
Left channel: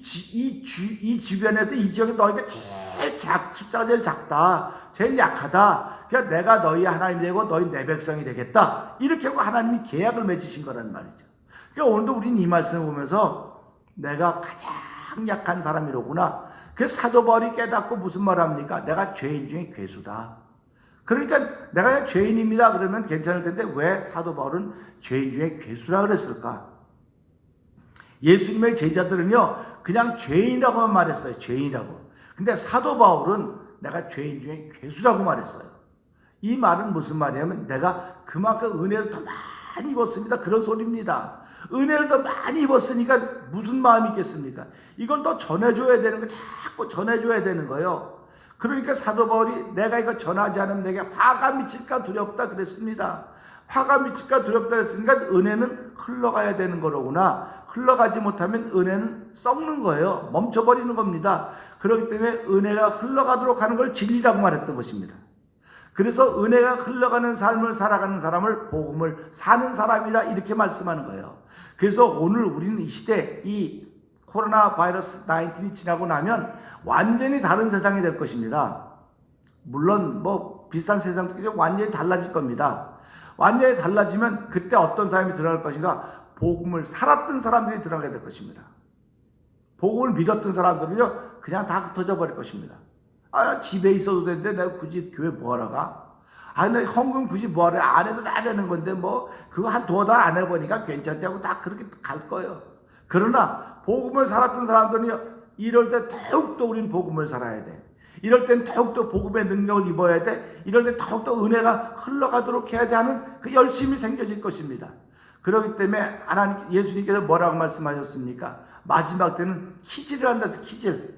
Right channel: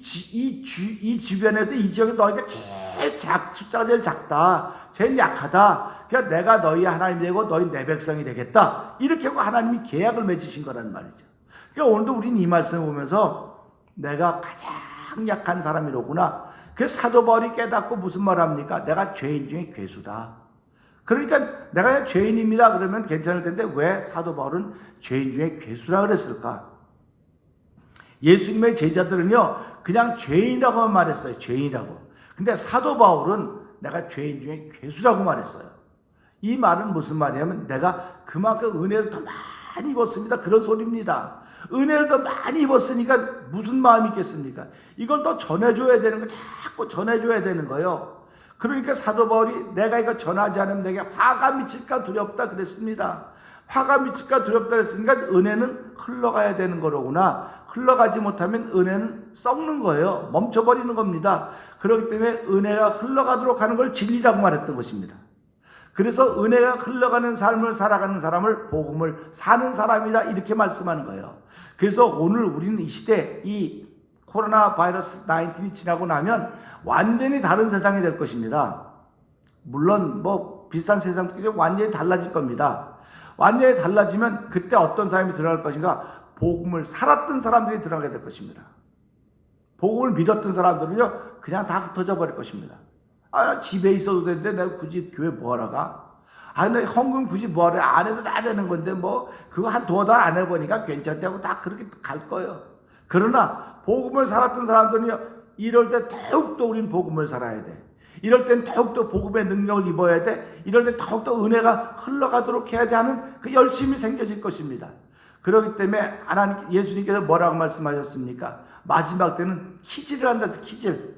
주변에서 이 지역에 너희가 제일 숫자가 제일 작다, 제일 약하다. 그러니까 내가 너희 하나님이 되고 너희 내 백성이 되겠다. 이렇게 하고 하나님이 계약을 맺으신 거라는 말이죠. 그러니까 오늘도 우리는 이 말씀을 보면서 내가 가장 약한 사람이로구나. 그래서 사도 바울이 깨닫고 무슨 말 합니까? 내가 죄인 중에 괴수다. 그러니까 내가 죄인입니다. 그러면 괜찮을 텐데 왜 사도 바울은 죄인 중에 괴수라 그랬을까? 예수님의 제자들은요, 그냥 죄인이라고만 말했어요. 죄인이라고. 근데 사도 바울은 내가 죄인 중에 괴수라고 말했어요. 이 말은 무슨 말이냐면 내가 그만큼 은혜를 더 많이 입었습니다. 그런 소리입니다. 은혜를 더 많이 입었으니까 무슨 마음이 있겠습니까? 이걸 더 전해줘야 되는 거, 자꾸 전해줘야 되는 거예요. 그러니까 사도 바울이 내가 이거 전하지 않으면 내게 화가 미칠까 두렵다 그랬습니다. 화가 미칠까 두렵다 그랬으니까 은혜는 흘러가야 되는 거로구나. 흘러가지 못하면 은혜는 썩는 거예요. 멈춰버리는 겁니다. 그렇기 때문에 은혜가 흘러가도록 하는 걸 진리라고 말했던 것입니다. 그래서 은혜가 흘러가는 삶을 살아가는 사람을 복음을 사는 사람이다 이렇게 말씀하는 거예요. 그래서 오늘 우리는 이 시대 이 코로나 바이러스 19이 지나고 나면 완전히 다른 세상이 될 것입니다. 물론 뭐 비슷한 세상도 완전히 달라질 겁니다. 완전히 달라지면 그때 어떤 사람이 들어갈 것인가? 복음을 살았던 사람들이 들어가게 될 것입니다. 복음을 믿었던 사람들은요 그냥 다 흩어져 버릴 것입니다. 집에 있어도 되는데 내가 굳이 교회 뭐하러 가? 내 헌금 굳이 뭐하러 안 해도 다 되는 건데 뭐 그거 한 두어 달 안 해보니까 괜찮다고 다 그렇게 갈 거예요. 그러나 복음을 살았던 사람들은요 이럴 때 더욱더 우리는 복음을 살아야 돼. 이럴 땐 더욱더 복음의 능력을 입어야 돼. 이럴 때 더욱더 은혜가 흘러가도록 해야 돼 하는 그 열심이 생겨질 것입니다. 그렇기 때문에 하나님 예수님께서 뭐라고 말씀하셨습니까? 마지막 때는 키즈를 한다 해서 키즈.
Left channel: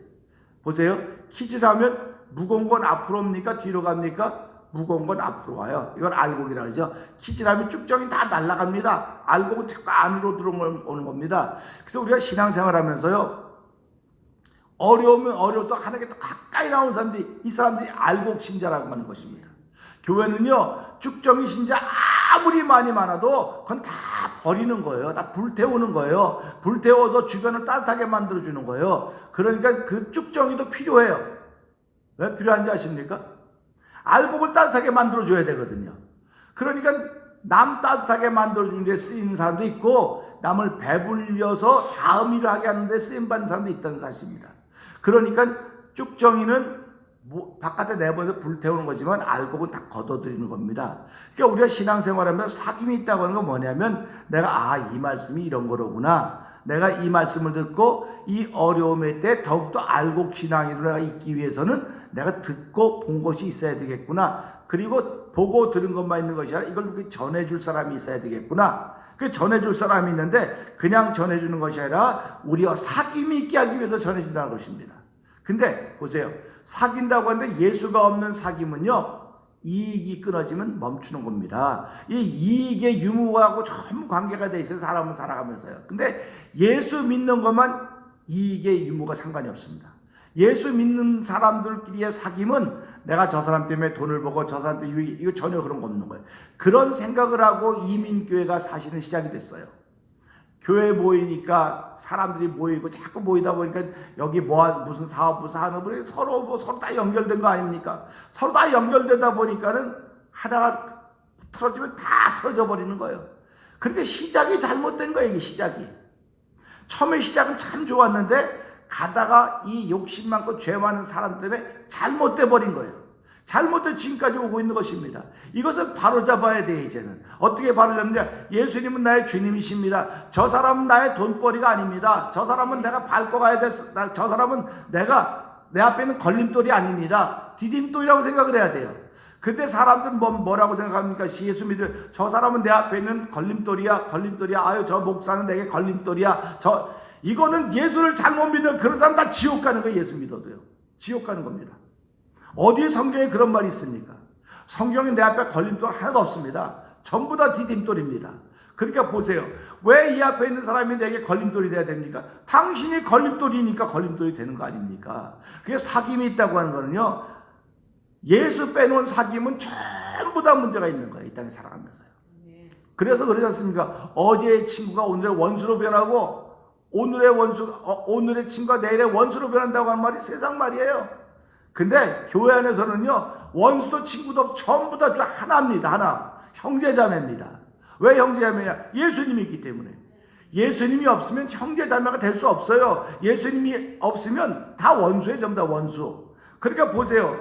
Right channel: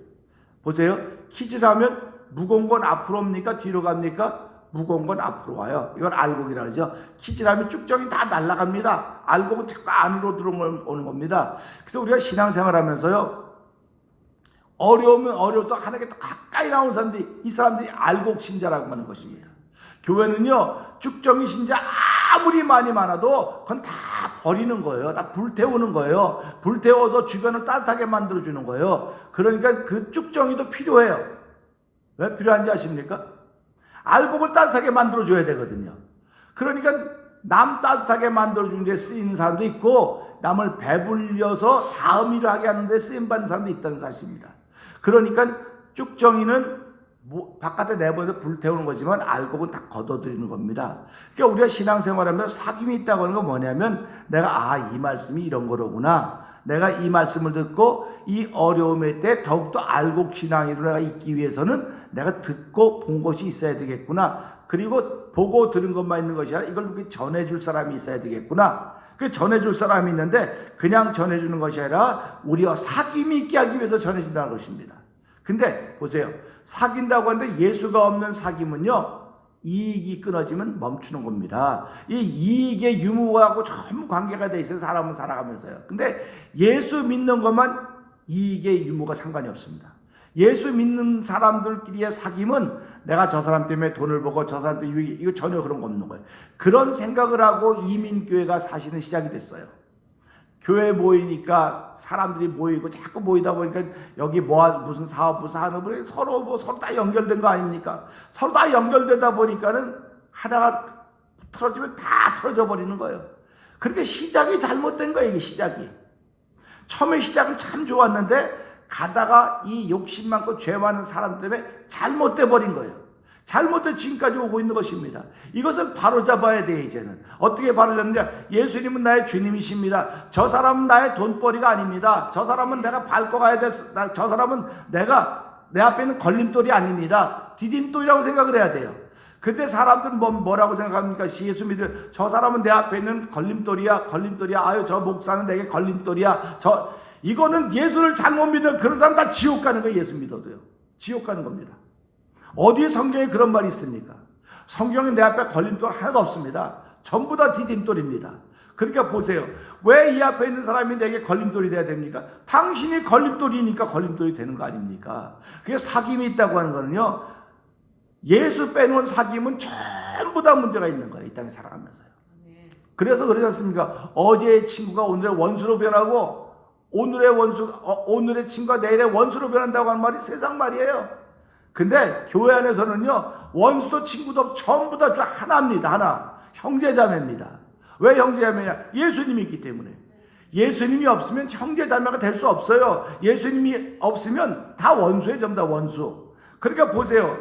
보세요. 키즈를 하면 무거운 건 앞으로 옵니까? 뒤로 갑니까? 무거운 건 앞으로 와요. 이걸 알곡이라 그러죠. 키즈를 하면 쭉정이 다 날아갑니다. 알곡은 자꾸 안으로 들어오는 겁니다. 그래서 우리가 신앙생활 하면서요. 어려우면 어려워서 하나님께 더 가까이 나오는 사람들이 이 사람들이 알곡 신자라고 하는 것입니다. 교회는요. 쭉정이 신자 아무리 많이 많아도 그건 다 버리는 거예요. 다 불태우는 거예요. 불태워서 주변을 따뜻하게 만들어주는 거예요. 그러니까 그 쭉정이도 필요해요. 왜 필요한지 아십니까? 알곡을 따뜻하게 만들어줘야 되거든요. 그러니까 남 따뜻하게 만들어주는 데 쓰이는 사람도 있고 남을 배불려서 다음 일을 하게 하는 데 쓰임받는 사람도 있다는 사실입니다. 그러니까 쭉정이는 바깥에 내보내서 불태우는 거지만 알곡은 다 걷어들이는 겁니다. 그러니까 우리가 신앙생활하면 사귐이 있다고 하는 건 뭐냐면 내가 이 말씀이 이런 거로구나. 내가 이 말씀을 듣고 이 어려움의 때 더욱더 알곡 신앙으로 내가 있기 위해서는 내가 듣고 본 것이 있어야 되겠구나. 그리고 보고 들은 것만 있는 것이 아니라 이걸 전해줄 사람이 있어야 되겠구나. 그 전해줄 사람이 있는데 그냥 전해주는 것이 아니라 우리와 사귐이 있게 하기 위해서 전해준다는 것입니다. 근데 보세요. 사귄다고 하는데 예수가 없는 사귐은요. 이익이 끊어지면 멈추는 겁니다. 이 이익의 유무하고 전부 관계가 돼 있어요. 사람은 살아가면서요. 근데 예수 믿는 것만 이익의 유무가 상관이 없습니다. 예수 믿는 사람들끼리의 사귐은 내가 저 사람 때문에 돈을 벌고 저 사람 때문에 이거 전혀 그런 거 없는 거예요. 그런 생각을 하고 이민교회가 사실은 시작이 됐어요. 교회 모이니까 사람들이 모이고 자꾸 모이다 보니까 여기 무슨 사업 무슨 하는 서로 다 연결된 거 아닙니까? 서로 다 연결되다 보니까는 하나가 틀어지면 다 틀어져 버리는 거예요. 그렇게 시작이 잘못된 거예요. 이게 시작이. 처음에 시작은 참 좋았는데 가다가 이 욕심 많고 죄 많은 사람 때문에 잘못돼 버린 거예요. 잘못된 지금까지 오고 있는 것입니다. 이것을 바로잡아야 돼. 이제는 어떻게 바로잡느냐? 예수님은 나의 주님이십니다. 저 사람은 나의 돈벌이가 아닙니다. 저 사람은 내가 밟고 가야 될, 저 사람은 내 앞에 있는 걸림돌이 아닙니다. 디딤돌이라고 생각을 해야 돼요. 근데 사람들은 뭐라고 생각합니까? 예수 믿으 저 사람은 내 앞에 있는 걸림돌이야. 아유, 저 목사는 내게 걸림돌이야. 이거는 예수를 잘못 믿는 그런 사람 다 지옥 가는 거예요. 예수 믿어도요. 지옥 가는 겁니다. 어디에 성경에 그런 말이 있습니까? 성경은 내 앞에 걸림돌 하나도 없습니다. 전부 다 디딤돌입니다. 그러니까 보세요. 왜 이 앞에 있는 사람이 내게 걸림돌이 돼야 됩니까? 당신이 걸림돌이니까 걸림돌이 되는 거 아닙니까? 그게 사귐이 있다고 하는 거는요, 예수 빼놓은 사귐은 전부 다 문제가 있는 거예요. 이 땅에 살아가면서. 그래서 그러지 않습니까? 어제의 친구가 오늘의 원수로 변하고 오늘의 친구가 내일의 원수로 변한다고 하는 말이 세상 말이에요. 근데 교회 안에서는요, 원수도 친구도 전부 다 하나입니다. 하나. 형제자매입니다. 왜 형제자매냐? 예수님이 있기 때문에. 예수님이 없으면 형제자매가 될 수 없어요. 예수님이 없으면 다 원수예요. 전부 다 원수. 그러니까 보세요.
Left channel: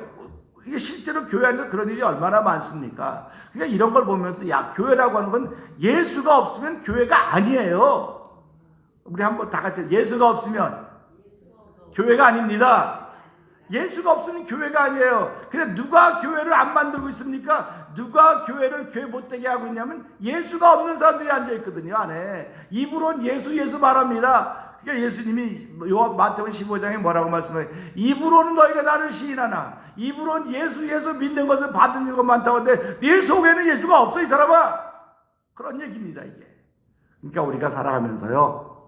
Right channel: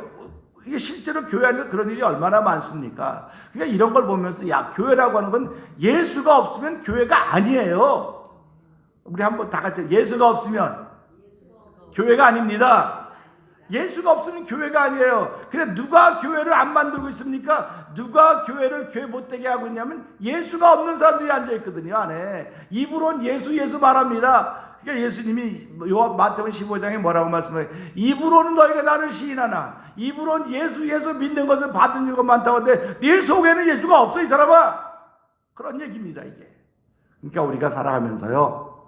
이게 실제로 교회 안에 그런 일이 얼마나 많습니까? 그러니까 이런 걸 보면서 교회라고 하는 건 예수가 없으면 교회가 아니에요. 우리 한번 다 같이 예수가 없으면 교회가 아닙니다. 예수가 없으면 교회가 아니에요. 근데 누가 교회를 안 만들고 있습니까? 누가 교회를 교회 못되게 하고 있냐면 예수가 없는 사람들이 앉아있거든요. 안에. 입으로는 예수 말합니다. 그러니까 예수님이 마태복음 15장에 뭐라고 말씀해요? 입으로는 너희가 나를 시인하나 입으로는 예수 믿는 것을 받은 것 많다고 하는데 네 속에는 예수가 없어. 이 사람아. 그런 얘기입니다. 이게. 그러니까 우리가 살아가면서요,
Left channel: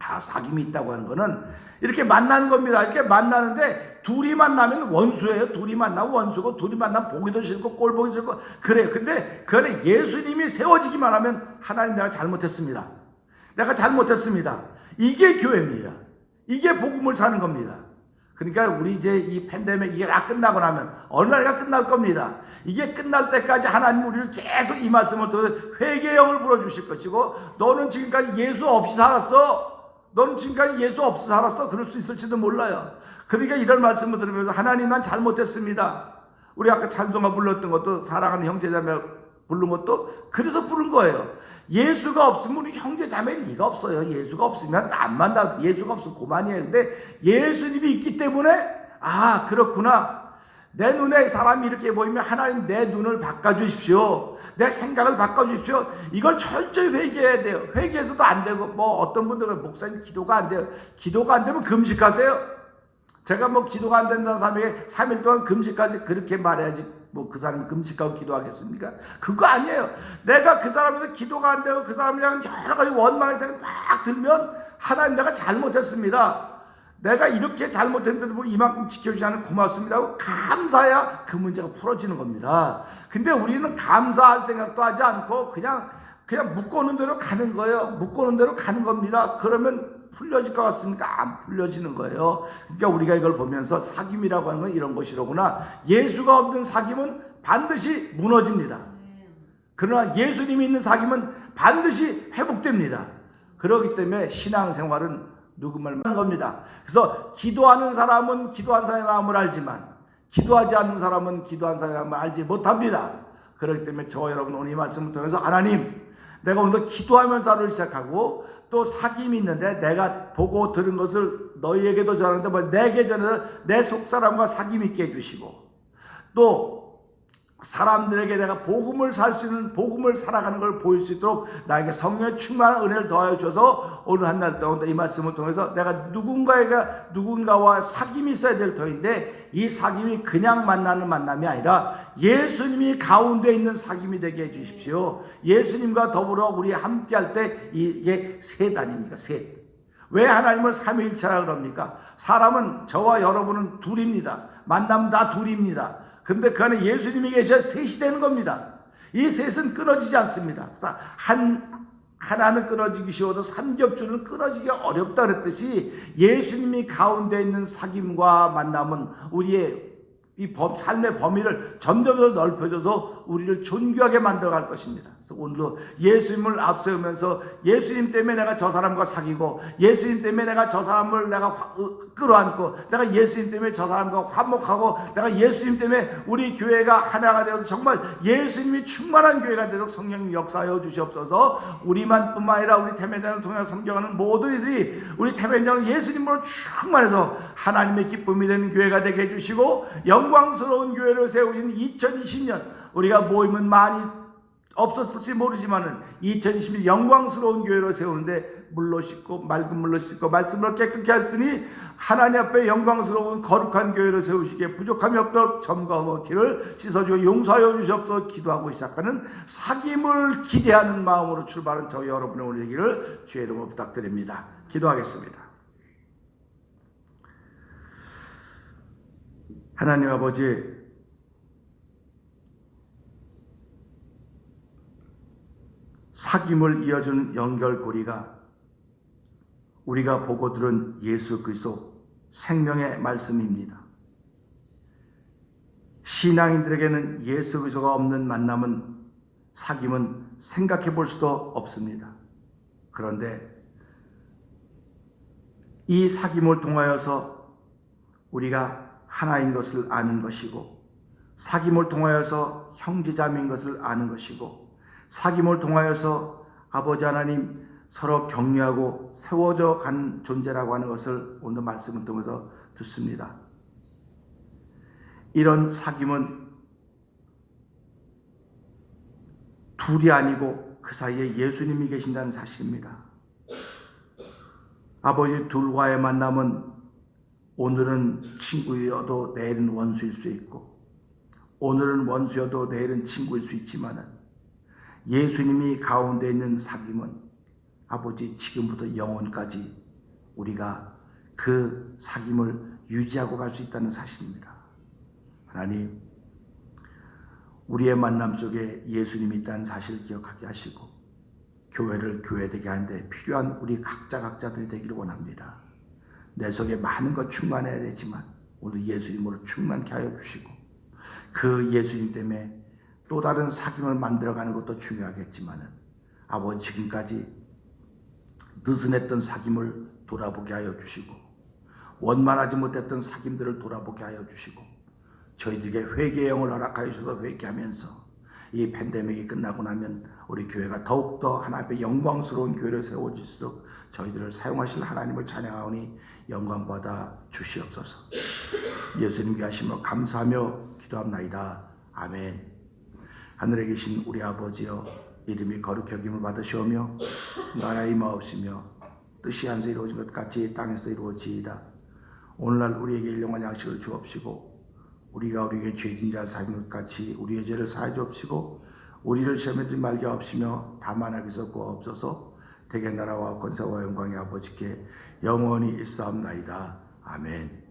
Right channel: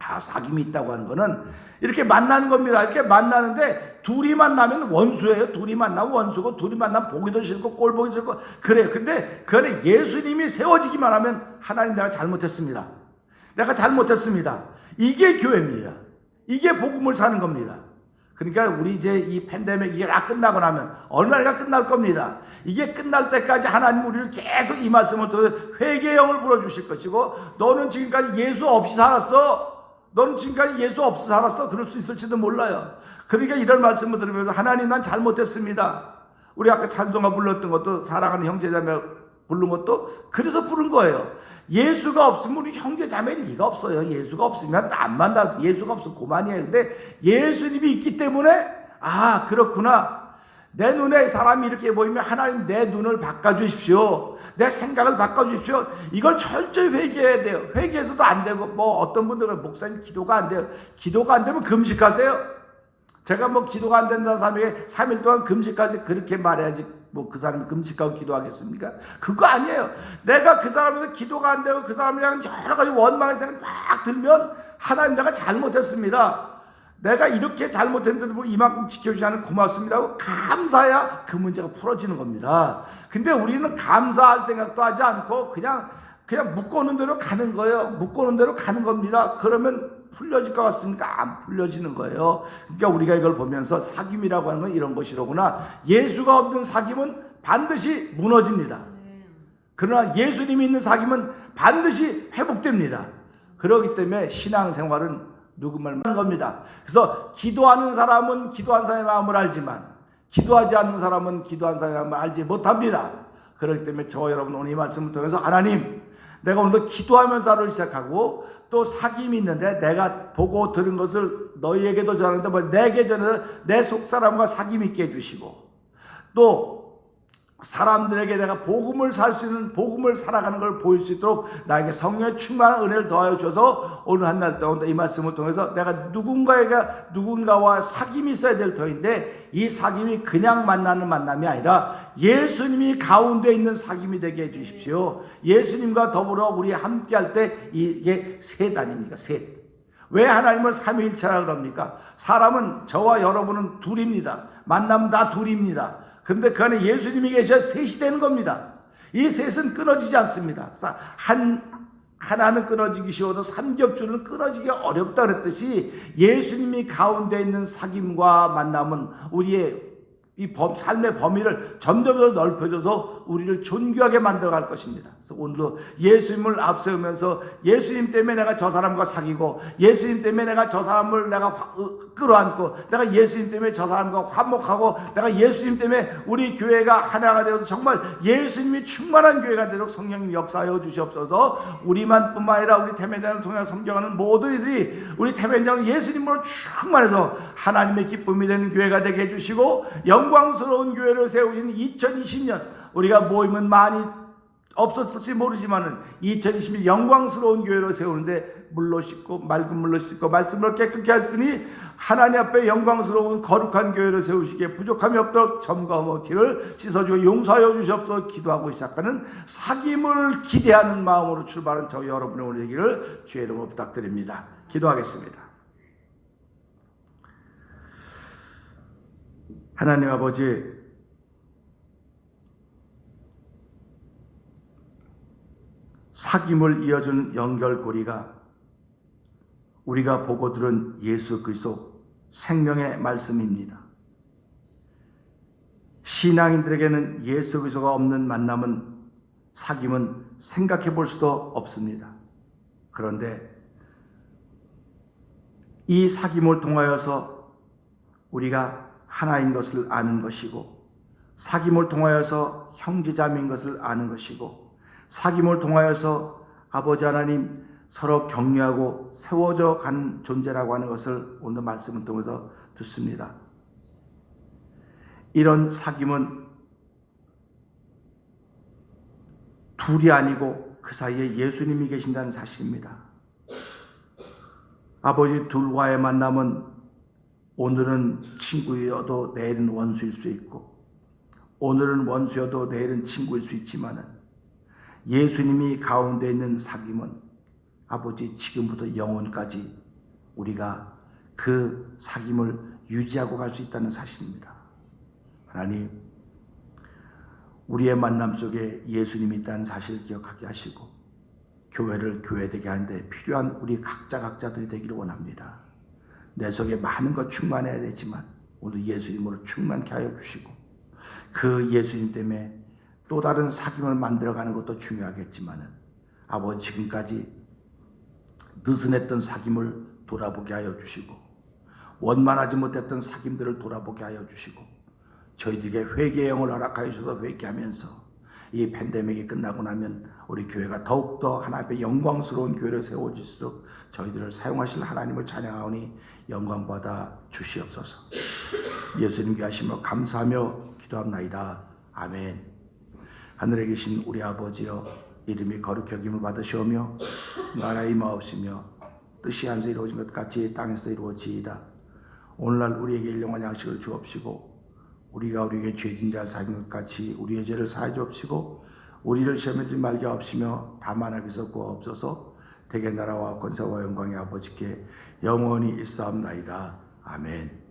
사귐이 있다고 하는 거는 이렇게 만나는 겁니다. 이렇게 만나는데 둘이 만나면 원수예요. 둘이 만나면 원수고, 둘이 만나면 보기도 싫고 꼴 보기 싫고 그래요. 근데 그거는 예수님이 세워지기만 하면 하나님 내가 잘못했습니다. 이게 교회입니다. 이게 복음을 사는 겁니다. 그러니까 우리 이제 이 팬데믹 이게 다 끝나고 나면 어느 날가 끝날 겁니다. 이게 끝날 때까지 하나님 우리를 계속 이 말씀을 통해서 회개의 영을 불어주실 것이고, 너는 지금까지 예수 없이 살았어. 그럴 수 있을지도 몰라요. 그러니까 이런 말씀을 들으면서 하나님 난 잘못했습니다. 우리 아까 찬송가 불렀던 것도 사랑하는 형제자매 부른 것도 그래서 부른 거예요. 예수가 없으면 우리 형제자매일 리가 없어요. 예수가 없으면 안 만나. 예수가 없으면 그만이에요. 근데 예수님이 있기 때문에 그렇구나. 내 눈에 사람이 이렇게 보이면 하나님 내 눈을 바꿔주십시오. 내 생각을 바꿔주십시오. 이걸 철저히 회개해야 돼요. 회개해서도 안 되고, 어떤 분들은 목사님 기도가 안 돼요. 기도가 안 되면 금식하세요. 제가 기도가 안 된다는 사람에게 3일 동안 금식하세요. 그렇게 말해야지 그 사람이 금식하고 기도하겠습니까? 그거 아니에요. 내가 그 사람에서 기도가 안 되고 그 사람이랑 여러 가지 원망의 생각이 막 들면 하나님 내가 잘못했습니다. 내가 이렇게 잘못했는데도 이만큼 지켜주지 않으면 고맙습니다 하고 감사해야 그 문제가 풀어지는 겁니다. 근데 우리는 감사할 생각도 하지 않고 그냥 묶어놓은 대로 가는 거예요. 묶어놓은 대로 가는 겁니다. 그러면 풀려질 것 같습니까? 안 풀려지는 거예요. 그러니까 우리가 이걸 보면서 사귐이라고 하는 건 이런 것이로구나. 예수가 없는 사귐은 반드시 무너집니다. 그러나 예수님이 있는 사귐은 반드시 회복됩니다. 그렇기 때문에 신앙생활은 누구말 하는 겁니다. 그래서 기도하는 사람은 기도한 사람의 마음을 알지만 기도하지 않는 사람은 기도한 사람의 마음을 알지 못합니다. 그렇기 때문에 저와 여러분 오늘 이 말씀을 통해서 하나님, 내가 오늘도 기도하면서 하루를 시작하고 또 사귐이 있는데 내가 보고 들은 것을 너희에게도 전하는데 내게 전해서 내 속사람과 사귐 있게 해주시고, 또 사람들에게 내가 복음을 살 수 있는, 복음을 살아가는 걸 보일 수 있도록 나에게 성령의 충만한 은혜를 더하여 주셔서 오늘 한 날 동안 이 말씀을 통해서 내가 누군가와 사귐이 있어야 될 터인데, 이 사귐이 그냥 만나는 만남이 아니라 예수님이 가운데 있는 사귐이 되게 해주십시오. 예수님과 더불어 우리 함께 할 때 이게 셋아닙니까? 셋. 왜 하나님을 삼위일체라 그럽니까? 사람은 저와 여러분은 둘입니다. 만나면 다 둘입니다. 그런데 그 안에 예수님이 계셔야 셋이 되는 겁니다. 이 셋은 끊어지지 않습니다. 그래서 하나는 끊어지기 쉬워도 삼겹줄은 끊어지기 어렵다 그랬듯이 예수님이 가운데 있는 사귐과 만남은 우리의 이 삶의 범위를 점점 더 넓혀줘서 우리를 존귀하게 만들어갈 것입니다. 그래서 오늘도 예수님을 앞세우면서 예수님 때문에 내가 저 사람과 사귀고, 예수님 때문에 내가 저 사람을 내가 끌어안고, 내가 예수님 때문에 저 사람과 화목하고, 내가 예수님 때문에 우리 교회가 하나가 되어서 정말 예수님이 충만한 교회가 되도록 성령 역사하여 주시옵소서. 우리만 뿐만 아니라 우리 태면장을 통해 섬겨가는 모든 이들이 우리 태면장을 예수님으로 충만해서 하나님의 기쁨이 되는 교회가 되게 해주시고, 영광스러운 교회를 세우신 2020년, 우리가 모임은 많이 없었을지 모르지만은 2020년 영광스러운 교회를 세우는데 물로 씻고 맑은 물로 씻고 말씀으로 깨끗게 하시니 하나님 앞에 영광스러운 거룩한 교회를 세우시기에 부족함이 없도록 점과 먹기를 씻어주고 용서하여 주시옵소서. 기도하고 시작하는 사귐을 기대하는 마음으로 출발한 저희 여러분의 오늘 얘기를 주의 이름으로 부탁드립니다. 기도하겠습니다. 하나님 아버지, 사귐을 이어준 연결고리가 우리가 보고 들은 예수 그리스도 생명의 말씀입니다. 신앙인들에게는 예수 그리스도가 없는 만남은, 사귐은 생각해 볼 수도 없습니다. 그런데 이 사귐을 통하여서 우리가 하나인 것을 아는 것이고, 사귐을 통하여서 형제자매인 것을 아는 것이고, 사귐을 통하여서 아버지 하나님 서로 격려하고 세워져 간 존재라고 하는 것을 오늘 말씀을 통해서 듣습니다. 이런 사귐은 둘이 아니고 그 사이에 예수님이 계신다는 사실입니다. 아버지, 둘과의 만남은 오늘은 친구여도 내일은 원수일 수 있고, 오늘은 원수여도 내일은 친구일 수 있지만 예수님이 가운데 있는 사귐은 아버지 지금부터 영원까지 우리가 그 사귐을 유지하고 갈 수 있다는 사실입니다. 하나님, 우리의 만남 속에 예수님이 있다는 사실을 기억하게 하시고 교회를 교회되게 하는데 필요한 우리 각자들이 되기를 원합니다. 내 속에 많은 것 충만해야 되지만 오늘 예수님으로 충만케 하여 주시고, 그 예수님 때문에 또 다른 사귐을 만들어가는 것도 중요하겠지만 아버지, 지금까지 느슨했던 사귐을 돌아보게 하여 주시고, 원만하지 못했던 사귐들을 돌아보게 하여 주시고, 저희들에게 회개의 영을 허락하여 주셔서 회개하면서 이 팬데믹이 끝나고 나면 우리 교회가 더욱더 하나님 앞에 영광스러운 교회를 세워질수록 저희들을 사용하실 하나님을 찬양하오니 영광받아 주시옵소서. 예수님 귀하심을 감사하며 기도합나이다. 아멘. 하늘에 계신 우리 아버지여, 이름이 거룩히 여김을 받으시오며 나라의 임하옵시며 뜻이 하늘에서 이루어진 것 같이 땅에서도 이루어지이다. 오늘날 우리에게 일용할 양식을 주옵시고, 우리가 우리에게 죄진 자를 사하는 것 같이 우리의 죄를 사하여 주옵시고, 우리를 시험에 들지 말게 하옵시며 다만 악에서 구하옵소서. 대개 나라와 권세와 영광의 아버지께 영원히 있사옵나이다. 아멘.